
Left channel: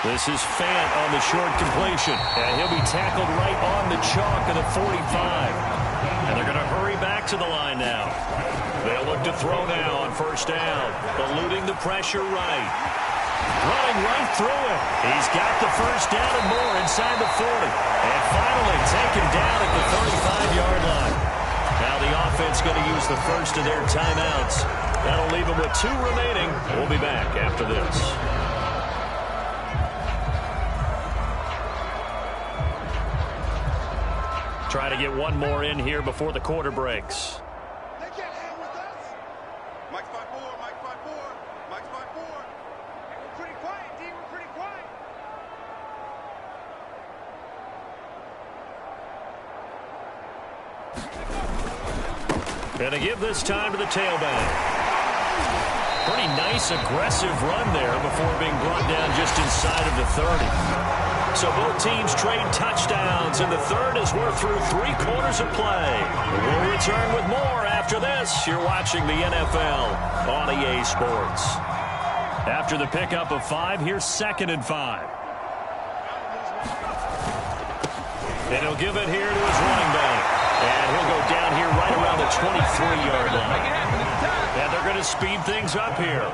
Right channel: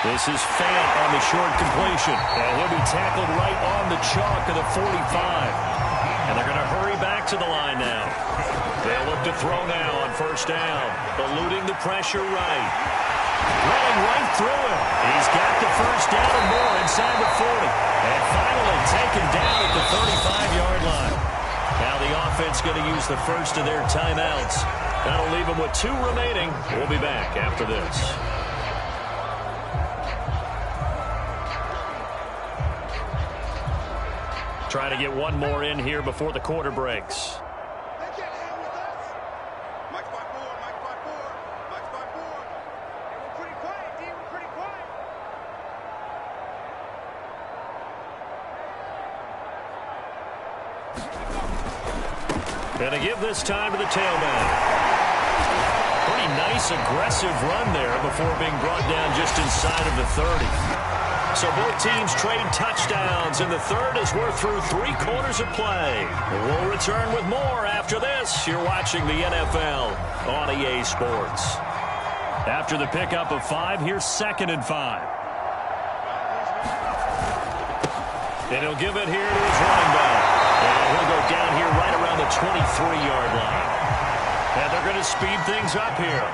This is Fant on the short completion. And he'll be tackled right on the chalk of the 45. And they're going to hurry back to the line now. They'll look to throw now on 1st down. Eluding the pressure right. Running right through him. He's got the 1st down and more inside the 40. And finally taken down at the 35-yard line. Now the offense going to use the first of their timeouts. That'll leave them with 2 remaining. We'll be back after this. Try to get one more in here before the quarter breaks. They can't hang with us. Mike's 5-4, Mike's 5-4, Mike's 5-4. Hey, we're pretty quiet, D. We're pretty quiet. And to give this time to the tailback. Pretty nice, aggressive run there before being brought down just inside of the 30. So both teams trade touchdowns, and the 3rd as we're through 3 quarters of play. We'll return with more after this. You're watching the NFL on EA Sports. After the pickup of 5, here's 2nd and 5. And he'll give it here to his running back. And he'll go down here right around the 23-yard line. And they're going to speed things up here.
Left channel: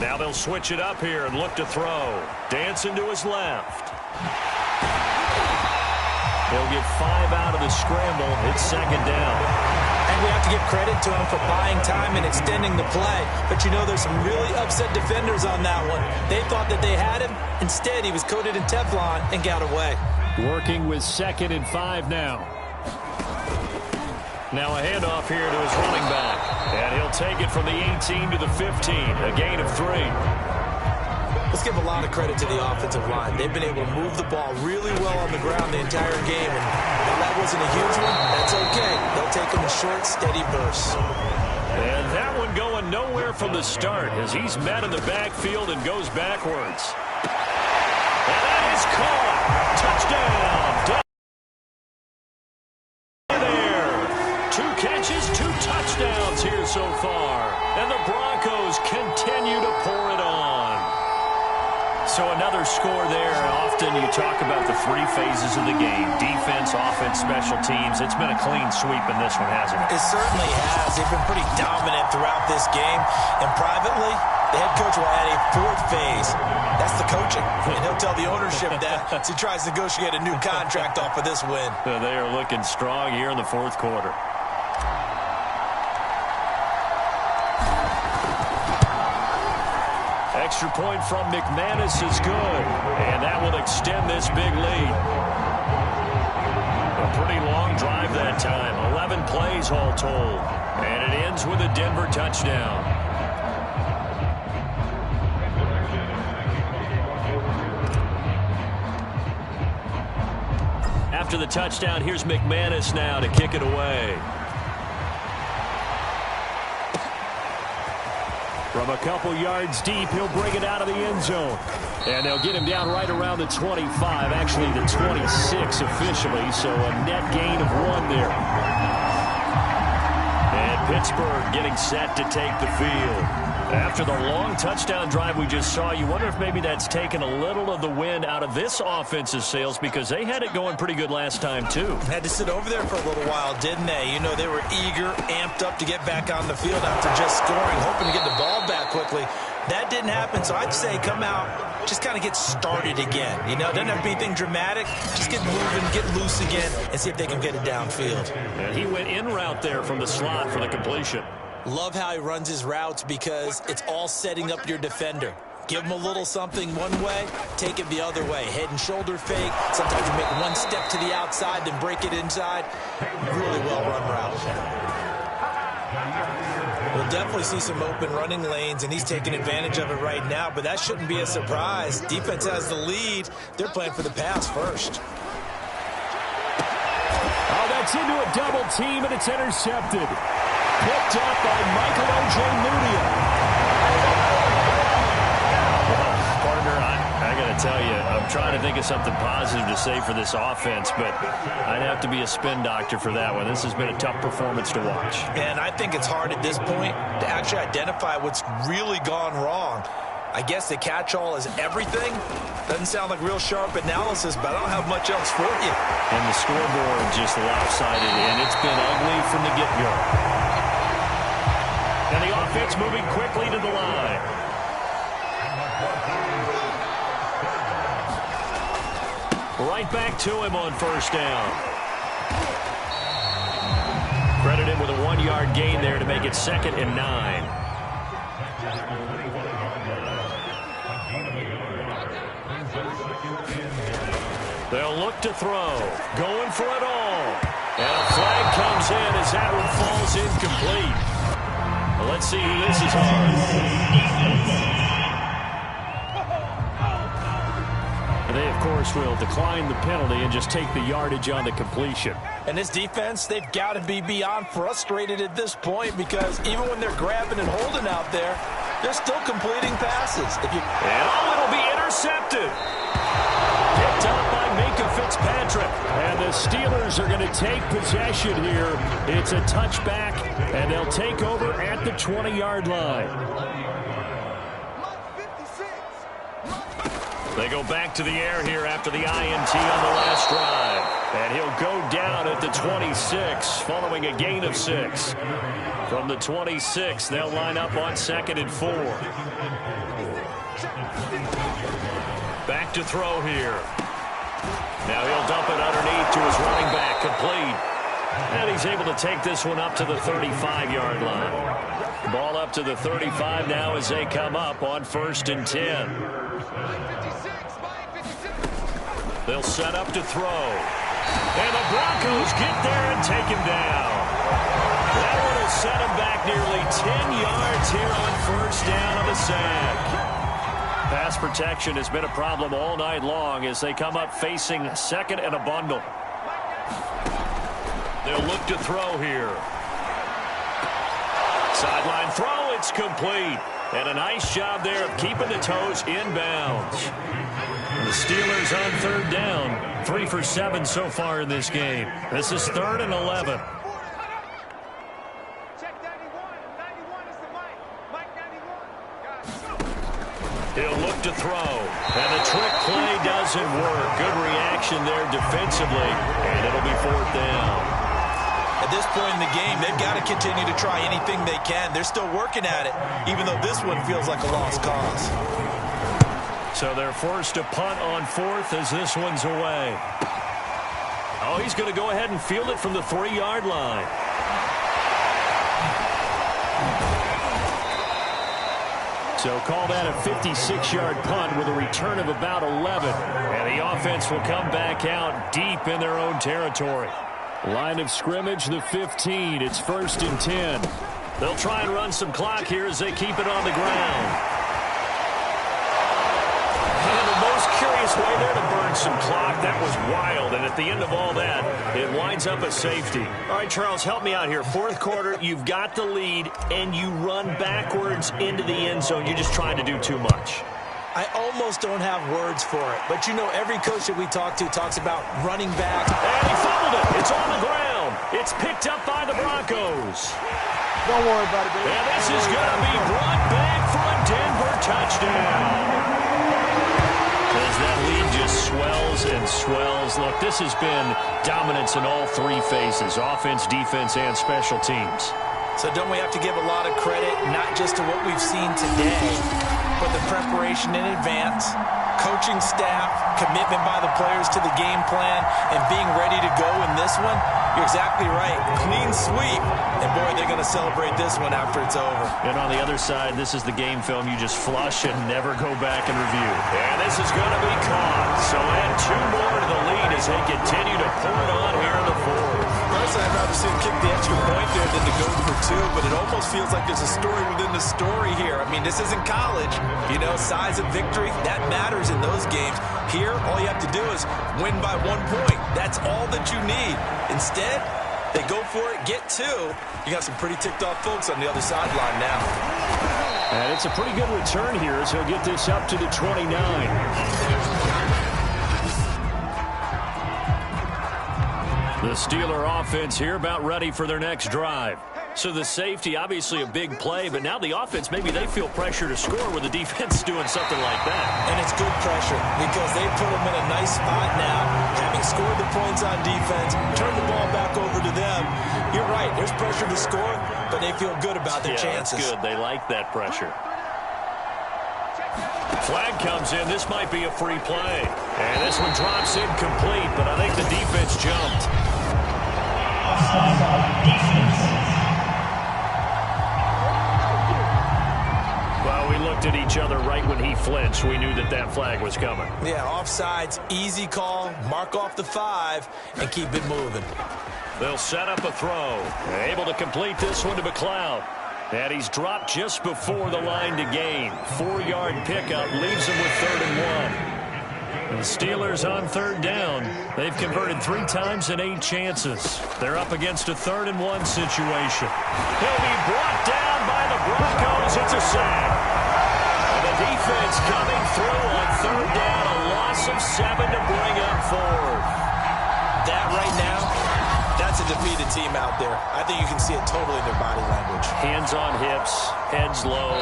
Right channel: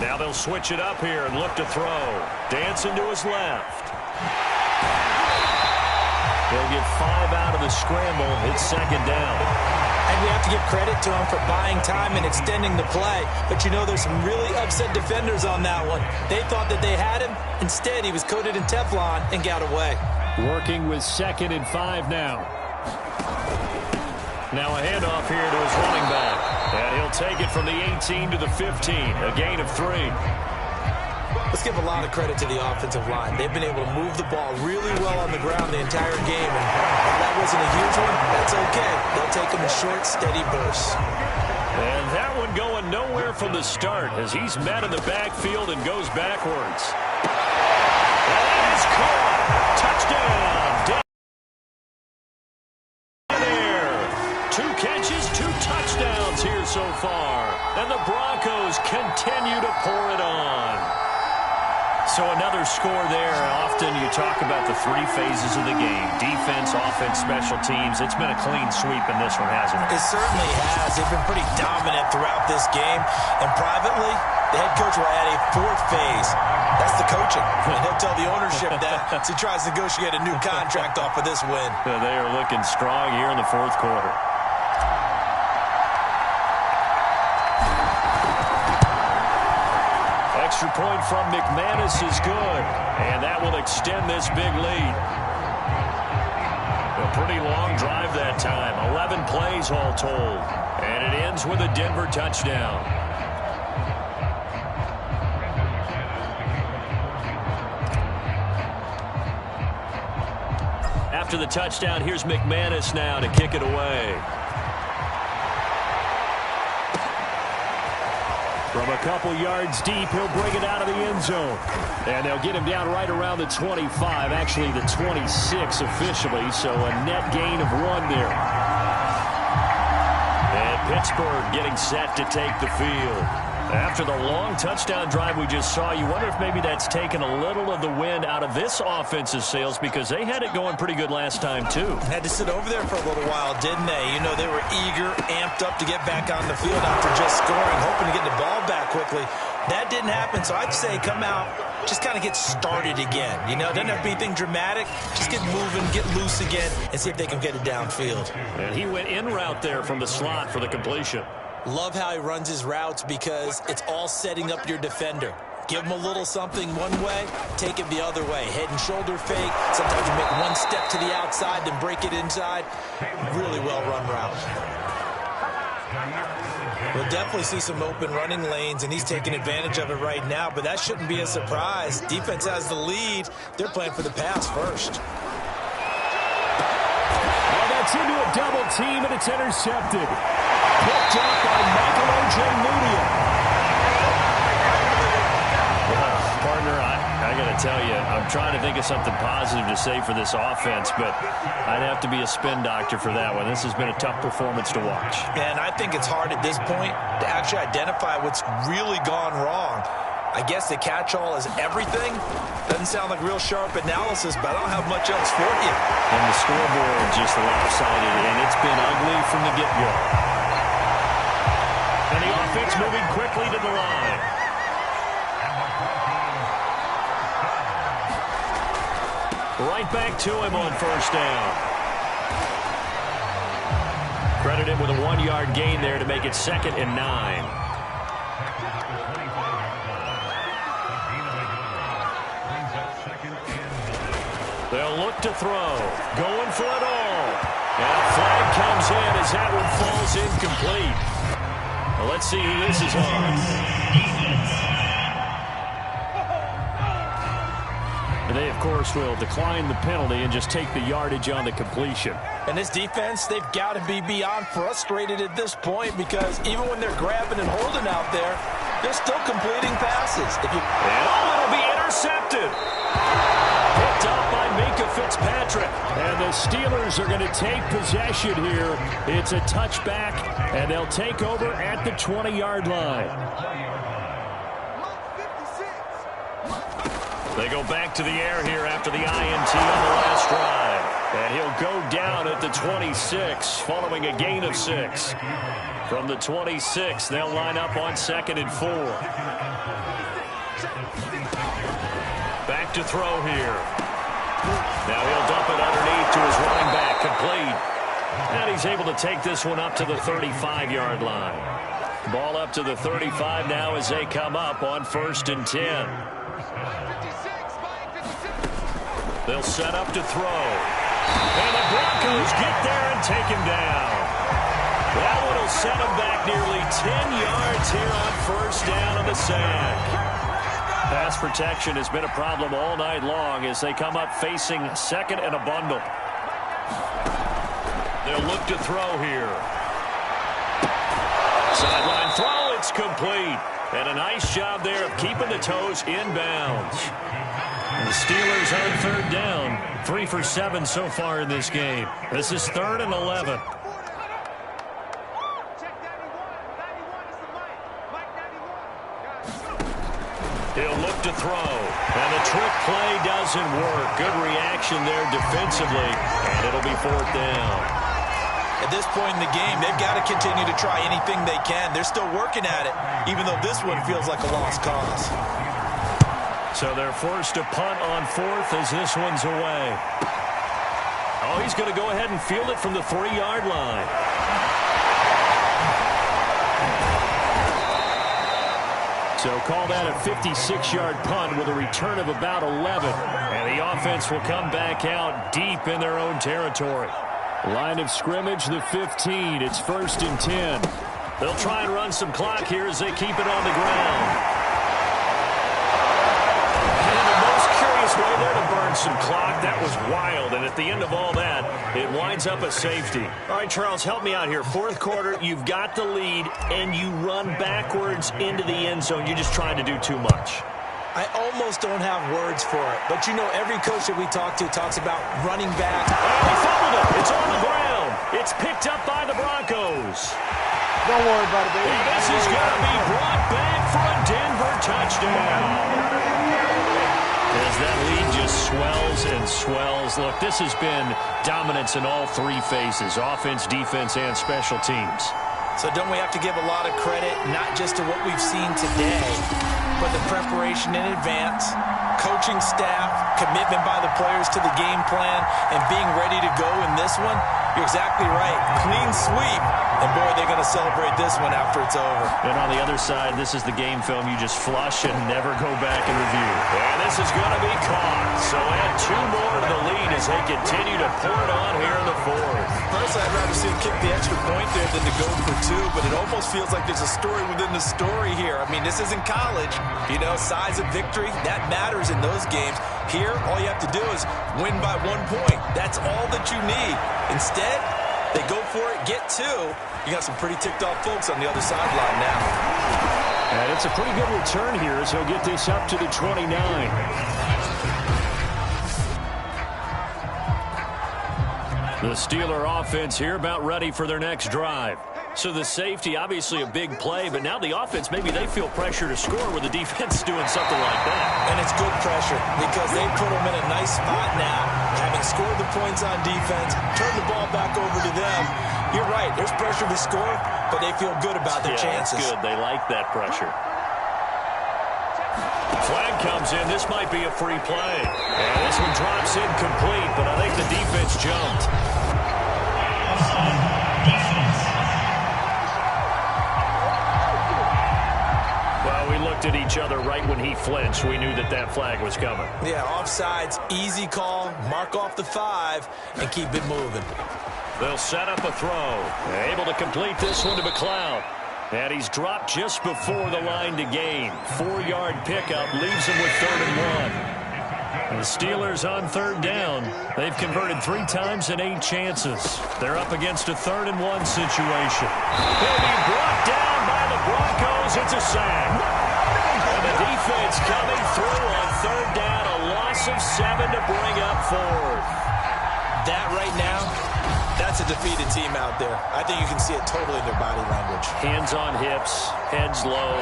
Now they'll switch it up here and look to throw. Dancing to his left. He'll get 5 out of the scramble. It's second down. And we have to give credit to him for buying time and extending the play. But you know, there's some really upset defenders on that one. They thought that they had him. Instead, he was coated in Teflon and got away. Working with 2nd and 5 now. Now a handoff here to his running back. And he'll take it from the 18 to the 15. A gain of 3. Let's give a lot of credit to the offensive line. They've been able to move the ball really well on the ground the entire game. And while that wasn't a huge one, that's okay. They'll take them in short, steady bursts. And that one going nowhere from the start as he's met in the backfield and goes backwards. And that is caught. Touchdown. There. 2 catches, 2 touchdowns here so far. And the Broncos continue to pour it on. So another score there. Often you talk about the 3 phases of the game. Defense, offense, special teams. It's been a clean sweep in this one, hasn't it? It certainly has. They've been pretty dominant throughout this game. And privately, the head coach will add a 4th phase. That's the coaching. And he'll tell the ownership that as he tries to negotiate a new contract off of this win. They are looking strong here in the 4th quarter. Extra point from McManus is good, and that will extend this big lead. A pretty long drive that time, 11 plays all told, and it ends with a Denver touchdown. After the touchdown, here's McManus now to kick it away. From a couple yards deep, he'll bring it out of the end zone. And they'll get him down right around the 25, actually the 26 officially, so a net gain of 1 there. And Pittsburgh getting set to take the field. After the long touchdown drive we just saw, you wonder if maybe that's taken a little of the wind out of this offense's sails because they had it going pretty good last time, too. Had to sit over there for a little while, didn't they? You know, they were eager, amped up to get back on the field after just scoring, hoping to get the ball back quickly. That didn't happen, so I'd say come out, just kind of get started again. You know, it doesn't have to be anything dramatic. Just get moving, get loose again, and see if they can get it downfield. And he went in route there from the slot for the completion. Love how he runs his routes because it's all setting up your defender. Give him a little something one way, take it the other way. Head and shoulder fake. Sometimes you make one step to the outside, then break it inside. Really well-run route. We'll definitely see some open running lanes, and he's taking advantage of it right now, but that shouldn't be a surprise. Defense has the lead. They're playing for the pass first. Oh, that's into a double team, and it's intercepted. Picked up by Michael Ojemudia. Well, partner, I got to tell you, I'm trying to think of something positive to say for this offense, but I'd have to be a spin doctor for that one. This has been a tough performance to watch. And I think it's hard at this point to actually identify what's really gone wrong. I guess the catch-all is everything. Doesn't sound like real sharp analysis, but I don't have much else for you. And the scoreboard just lopsided, and it's been ugly from the get-go. And the offense moving quickly to the line. Right back to him on first down. Credit him with a 1-yard gain there to make it 2nd and 9. They'll look to throw. Going for it all. And a flag comes in as that one falls incomplete. Well, let's see who this is on. They, of course, will decline the penalty and just take the yardage on the completion. And this defense, they've got to be beyond frustrated at this point because even when they're grabbing and holding out there, they're still completing passes. It'll be intercepted. Picked up by Minkah Fitzpatrick. And the Steelers are going to take possession here. It's a touchback, and they'll take over at the 20-yard line. They go back to the air here after the INT on the last drive. And he'll go down at the 26 following a gain of 6. From the 26, they'll line up on 2nd and 4. Back to throw here. Now he'll dump it underneath to his running back, complete. And he's able to take this one up to the 35-yard line. Ball up to the 35 now as they come up on 1st and 10. They'll set up to throw. And the Broncos get there and take him down. That one will set him back nearly 10 yards here on 1st down on the sack. Pass protection has been a problem all night long as they come up facing 2nd and a bundle. They'll look to throw here. Sideline throw, it's complete. And a nice job there of keeping the toes inbounds. And the Steelers on 3rd down. 3 for 7 so far in this game. This is 3rd and 11. He'll look to throw. And the trick play doesn't work. Good reaction there defensively. And it'll be 4th down. At this point in the game, they've got to continue to try anything they can. They're still working at it, even though this one feels like a lost cause. So they're forced to punt on 4th as this one's away. Oh, he's going to go ahead and field it from the 3-yard line. So call that a 56-yard punt with a return of about 11. And the offense will come back out deep in their own territory. Line of scrimmage, the 15. It's 1st and 10. They'll try and run some clock here as they keep it on the ground. And the most curious way there to burn some clock. That was wild. And at the end of all that, it winds up a safety. All right, Charles, help me out here. 4th quarter, you've got the lead, and you run backwards into the end zone. You're just trying to do too much. I almost don't have words for it. But, you know, every coach that we talk to talks about running back. And he fumbled it. It's on the ground. It's picked up by the Broncos. Don't worry about it, baby. And this is going to be brought back for a Denver touchdown. As that lead just swells and swells. Look, this has been dominance in all 3 phases, offense, defense, and special teams. So don't we have to give a lot of credit, not just to what we've seen today, but the preparation in advance, coaching staff, commitment by the players to the game plan, and being ready to go in this one? You're exactly right. Clean sweep. And, boy, they're going to celebrate this one after it's over. And on the other side, this is the game film you just flush and never go back and review. And this is going to be caught. So add 2 more to the lead as they continue to pour it on here in the 4th. Personally, I'd rather see him kick the extra point there than to go for 2, but it almost feels like there's a story within the story here. I mean, this isn't college. You know, size of victory, that matters in those games. Here, all you have to do is win by 1 point. That's all that you need. Instead, they go for it, get 2. You got some pretty ticked-off folks on the other sideline now. And it's a pretty good return here as he'll get this up to the 29. The Steeler offense here about ready for their next drive. So the safety, obviously a big play, but now the offense, maybe they feel pressure to score where the defense is doing something like that. And it's good pressure because they put them in a nice spot now, having scored the points on defense, turn the ball back over to them. You're right, there's pressure to score, but they feel good about their chances. That's good. They like that pressure. Flag comes in. This might be a free play. And this one drops incomplete, but I think the defense jumped. Defense. Well, we looked at each other right when he flinched. We knew that that flag was coming. Yeah, offsides, easy call, mark off the 5, and keep it moving. They'll set up a throw. Able to complete this one to McLeod. And he's dropped just before the line to gain. 4-yard pickup leaves him with 3rd and 1. And the Steelers on 3rd down. They've converted 3 times in 8 chances. They're up against a 3rd and 1 situation. He'll be brought down by the Broncos. It's a sack. And the defense coming through on 3rd down. A loss of 7 to bring up 4th. That right now, that's a defeated team out there. I think you can see it totally in their body language. Hands on hips, heads low.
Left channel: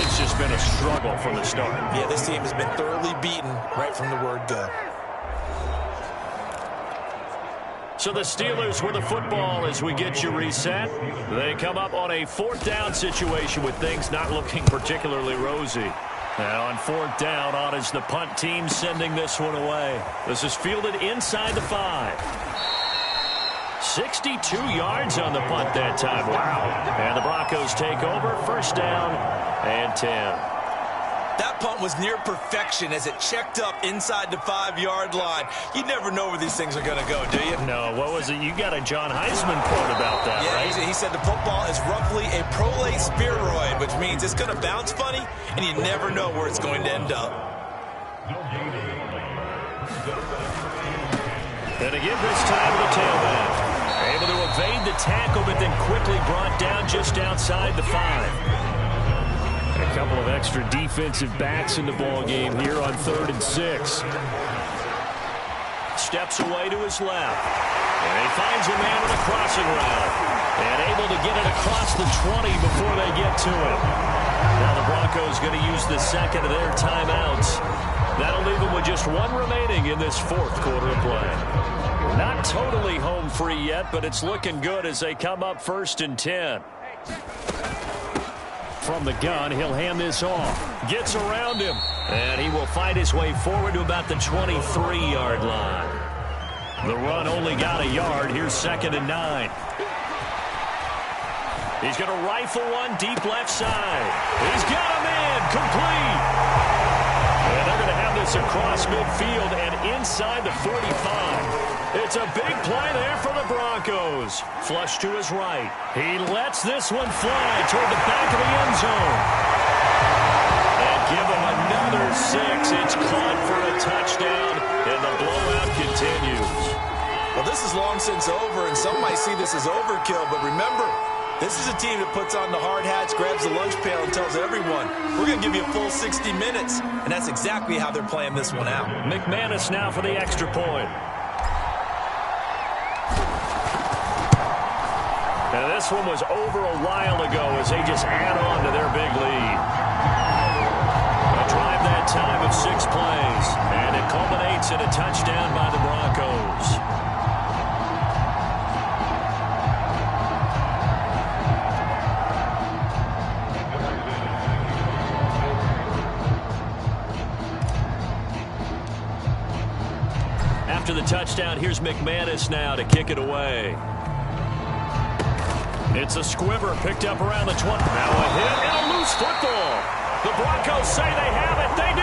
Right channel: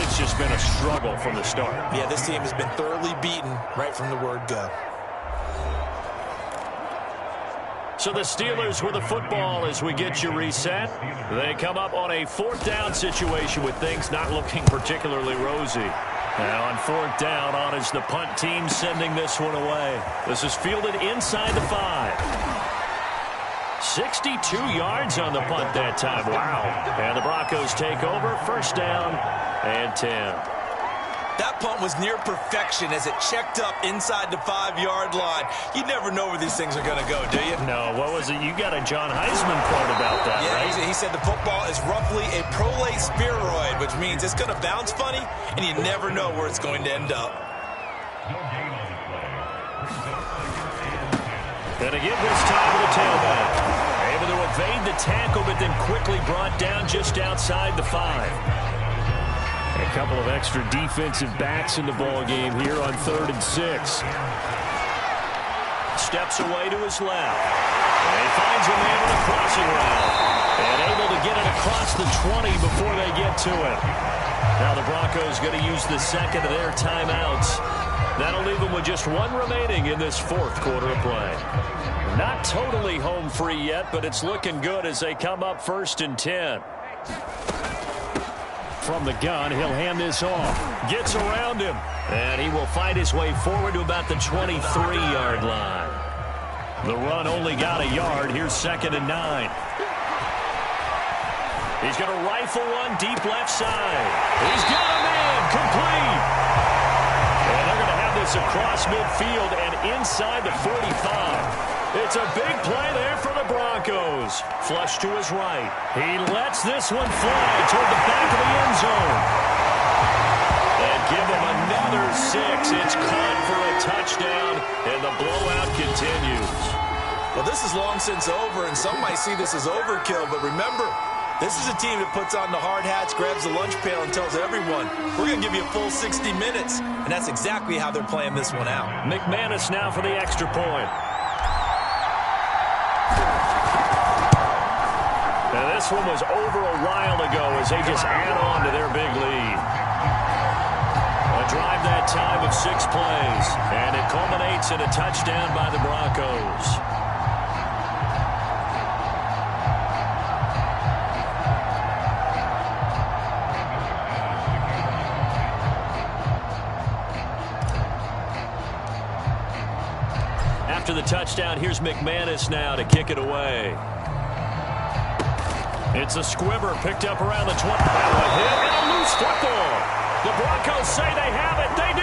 It's just been a struggle from the start. Yeah, this team has been thoroughly beaten right from the word go. So the Steelers with the football as we get you reset. They come up on a 4th down situation with things not looking particularly rosy. And on fourth down, on is the punt team sending this one away. This is fielded inside the 5. 62 yards on the punt that time. Wow. And the Broncos take over. First down and 10. That punt was near perfection as it checked up inside the 5-yard line. You never know where these things are going to go, do you? No, what was it? You got a John Heisman quote about that, yeah, right? He said the football is roughly a prolate spheroid, which means it's going to bounce funny, and you never know where it's going to end up. And to give this time to the tailback. Able to evade the tackle, but then quickly brought down just outside the 5. A couple of extra defensive backs in the ball game here on 3rd and 6. Steps away to his left. And he finds a man on a crossing route. And able to get it across the 20 before they get to him. Now the Broncos going to use the second of their timeouts. That'll leave them with just one remaining in this 4th quarter of play. Not totally home free yet, but it's looking good as they come up 1st and 10. From the gun, he'll hand this off. Gets around him. And he will fight his way forward to about the 23-yard line. The run only got a yard. Here's 2nd and 9. He's going to rifle one deep left side. He's got a man complete. And they're going to have this across midfield and inside the 45. It's a big play there for the Broncos. Flush to his right. He lets this one fly toward the back of the end zone. And give him another 6. It's caught for a touchdown, and the blowout continues. Well, this is long since over, and some might see this as overkill, but remember, this is a team that puts on the hard hats, grabs the lunch pail, and tells everyone, we're going to give you a full 60 minutes. And that's exactly how they're playing this one out. McManus now for the extra point. Now this one was over a while ago as they just add on to their big lead. A drive that time of 6 plays, and it culminates in a touchdown by the Broncos. After the touchdown, here's McManus now to kick it away. It's a squibber picked up around the 20. Now a hit and a loose football. The Broncos say they have it. They do.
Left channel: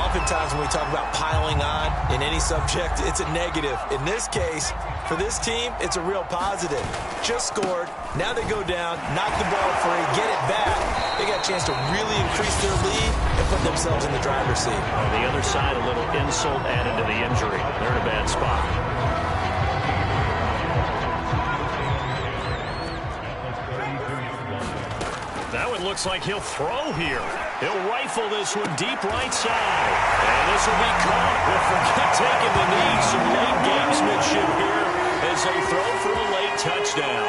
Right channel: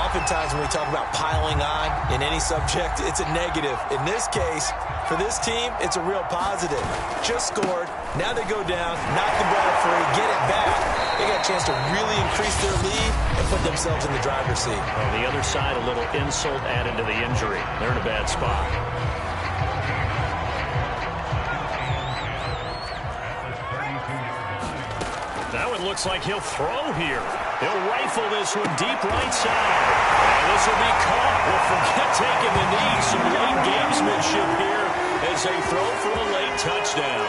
Oftentimes when we talk about piling on in any subject, it's a negative. In this case, for this team, it's a real positive. Just scored. Now they go down, knock the ball free, get it back. They got a chance to really increase their lead and put themselves in the driver's seat. On the other side, a little insult added to the injury. They're in a bad spot. Now it looks like he'll throw here. He'll rifle this one deep right side. And this will be caught. Well, forget taking the knee. Some late gamesmanship here as they throw for a late touchdown.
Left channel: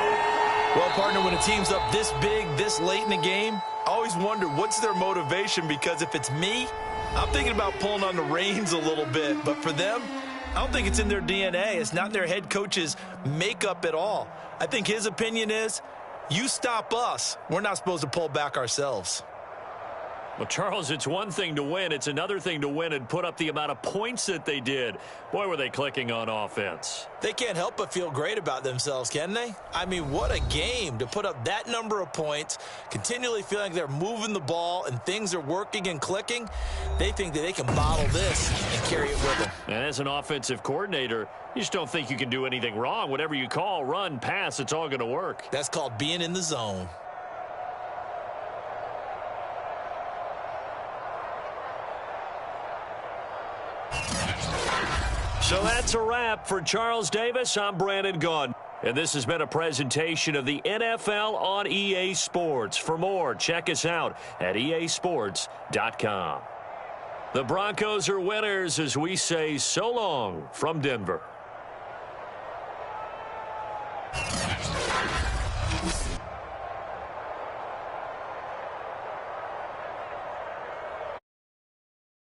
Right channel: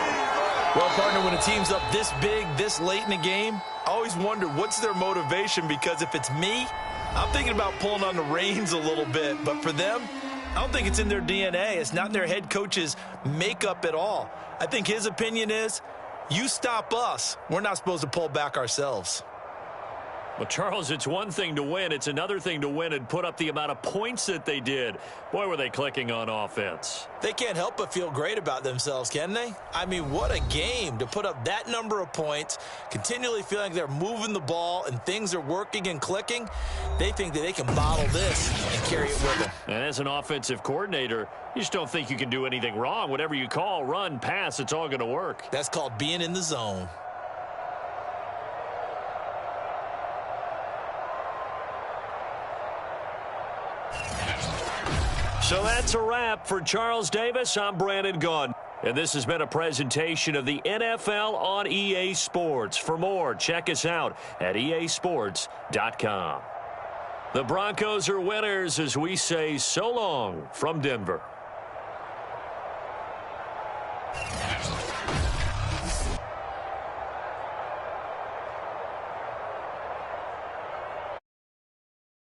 Well, partner, when a team's up this big, this late in the game, I always wonder what's their motivation, because if it's me, I'm thinking about pulling on the reins a little bit. But for them, I don't think it's in their DNA. It's not in their head coach's makeup at all. I think his opinion is, you stop us, we're not supposed to pull back ourselves. Well, Charles, it's one thing to win. It's another thing to win and put up the amount of points that they did. Boy, were they clicking on offense. They can't help but feel great about themselves, can they? I mean, what a game to put up that number of points, continually feeling like they're moving the ball and things are working and clicking. They think that they can bottle this and carry it with them. And as an offensive coordinator, you just don't think you can do anything wrong. Whatever you call, run, pass, it's all going to work. That's called being in the zone. So that's a wrap for Charles Davis. I'm Brandon Gaudin. And this has been a presentation of the NFL on EA Sports. For more, check us out at easports.com. The Broncos are winners as we say so long from Denver.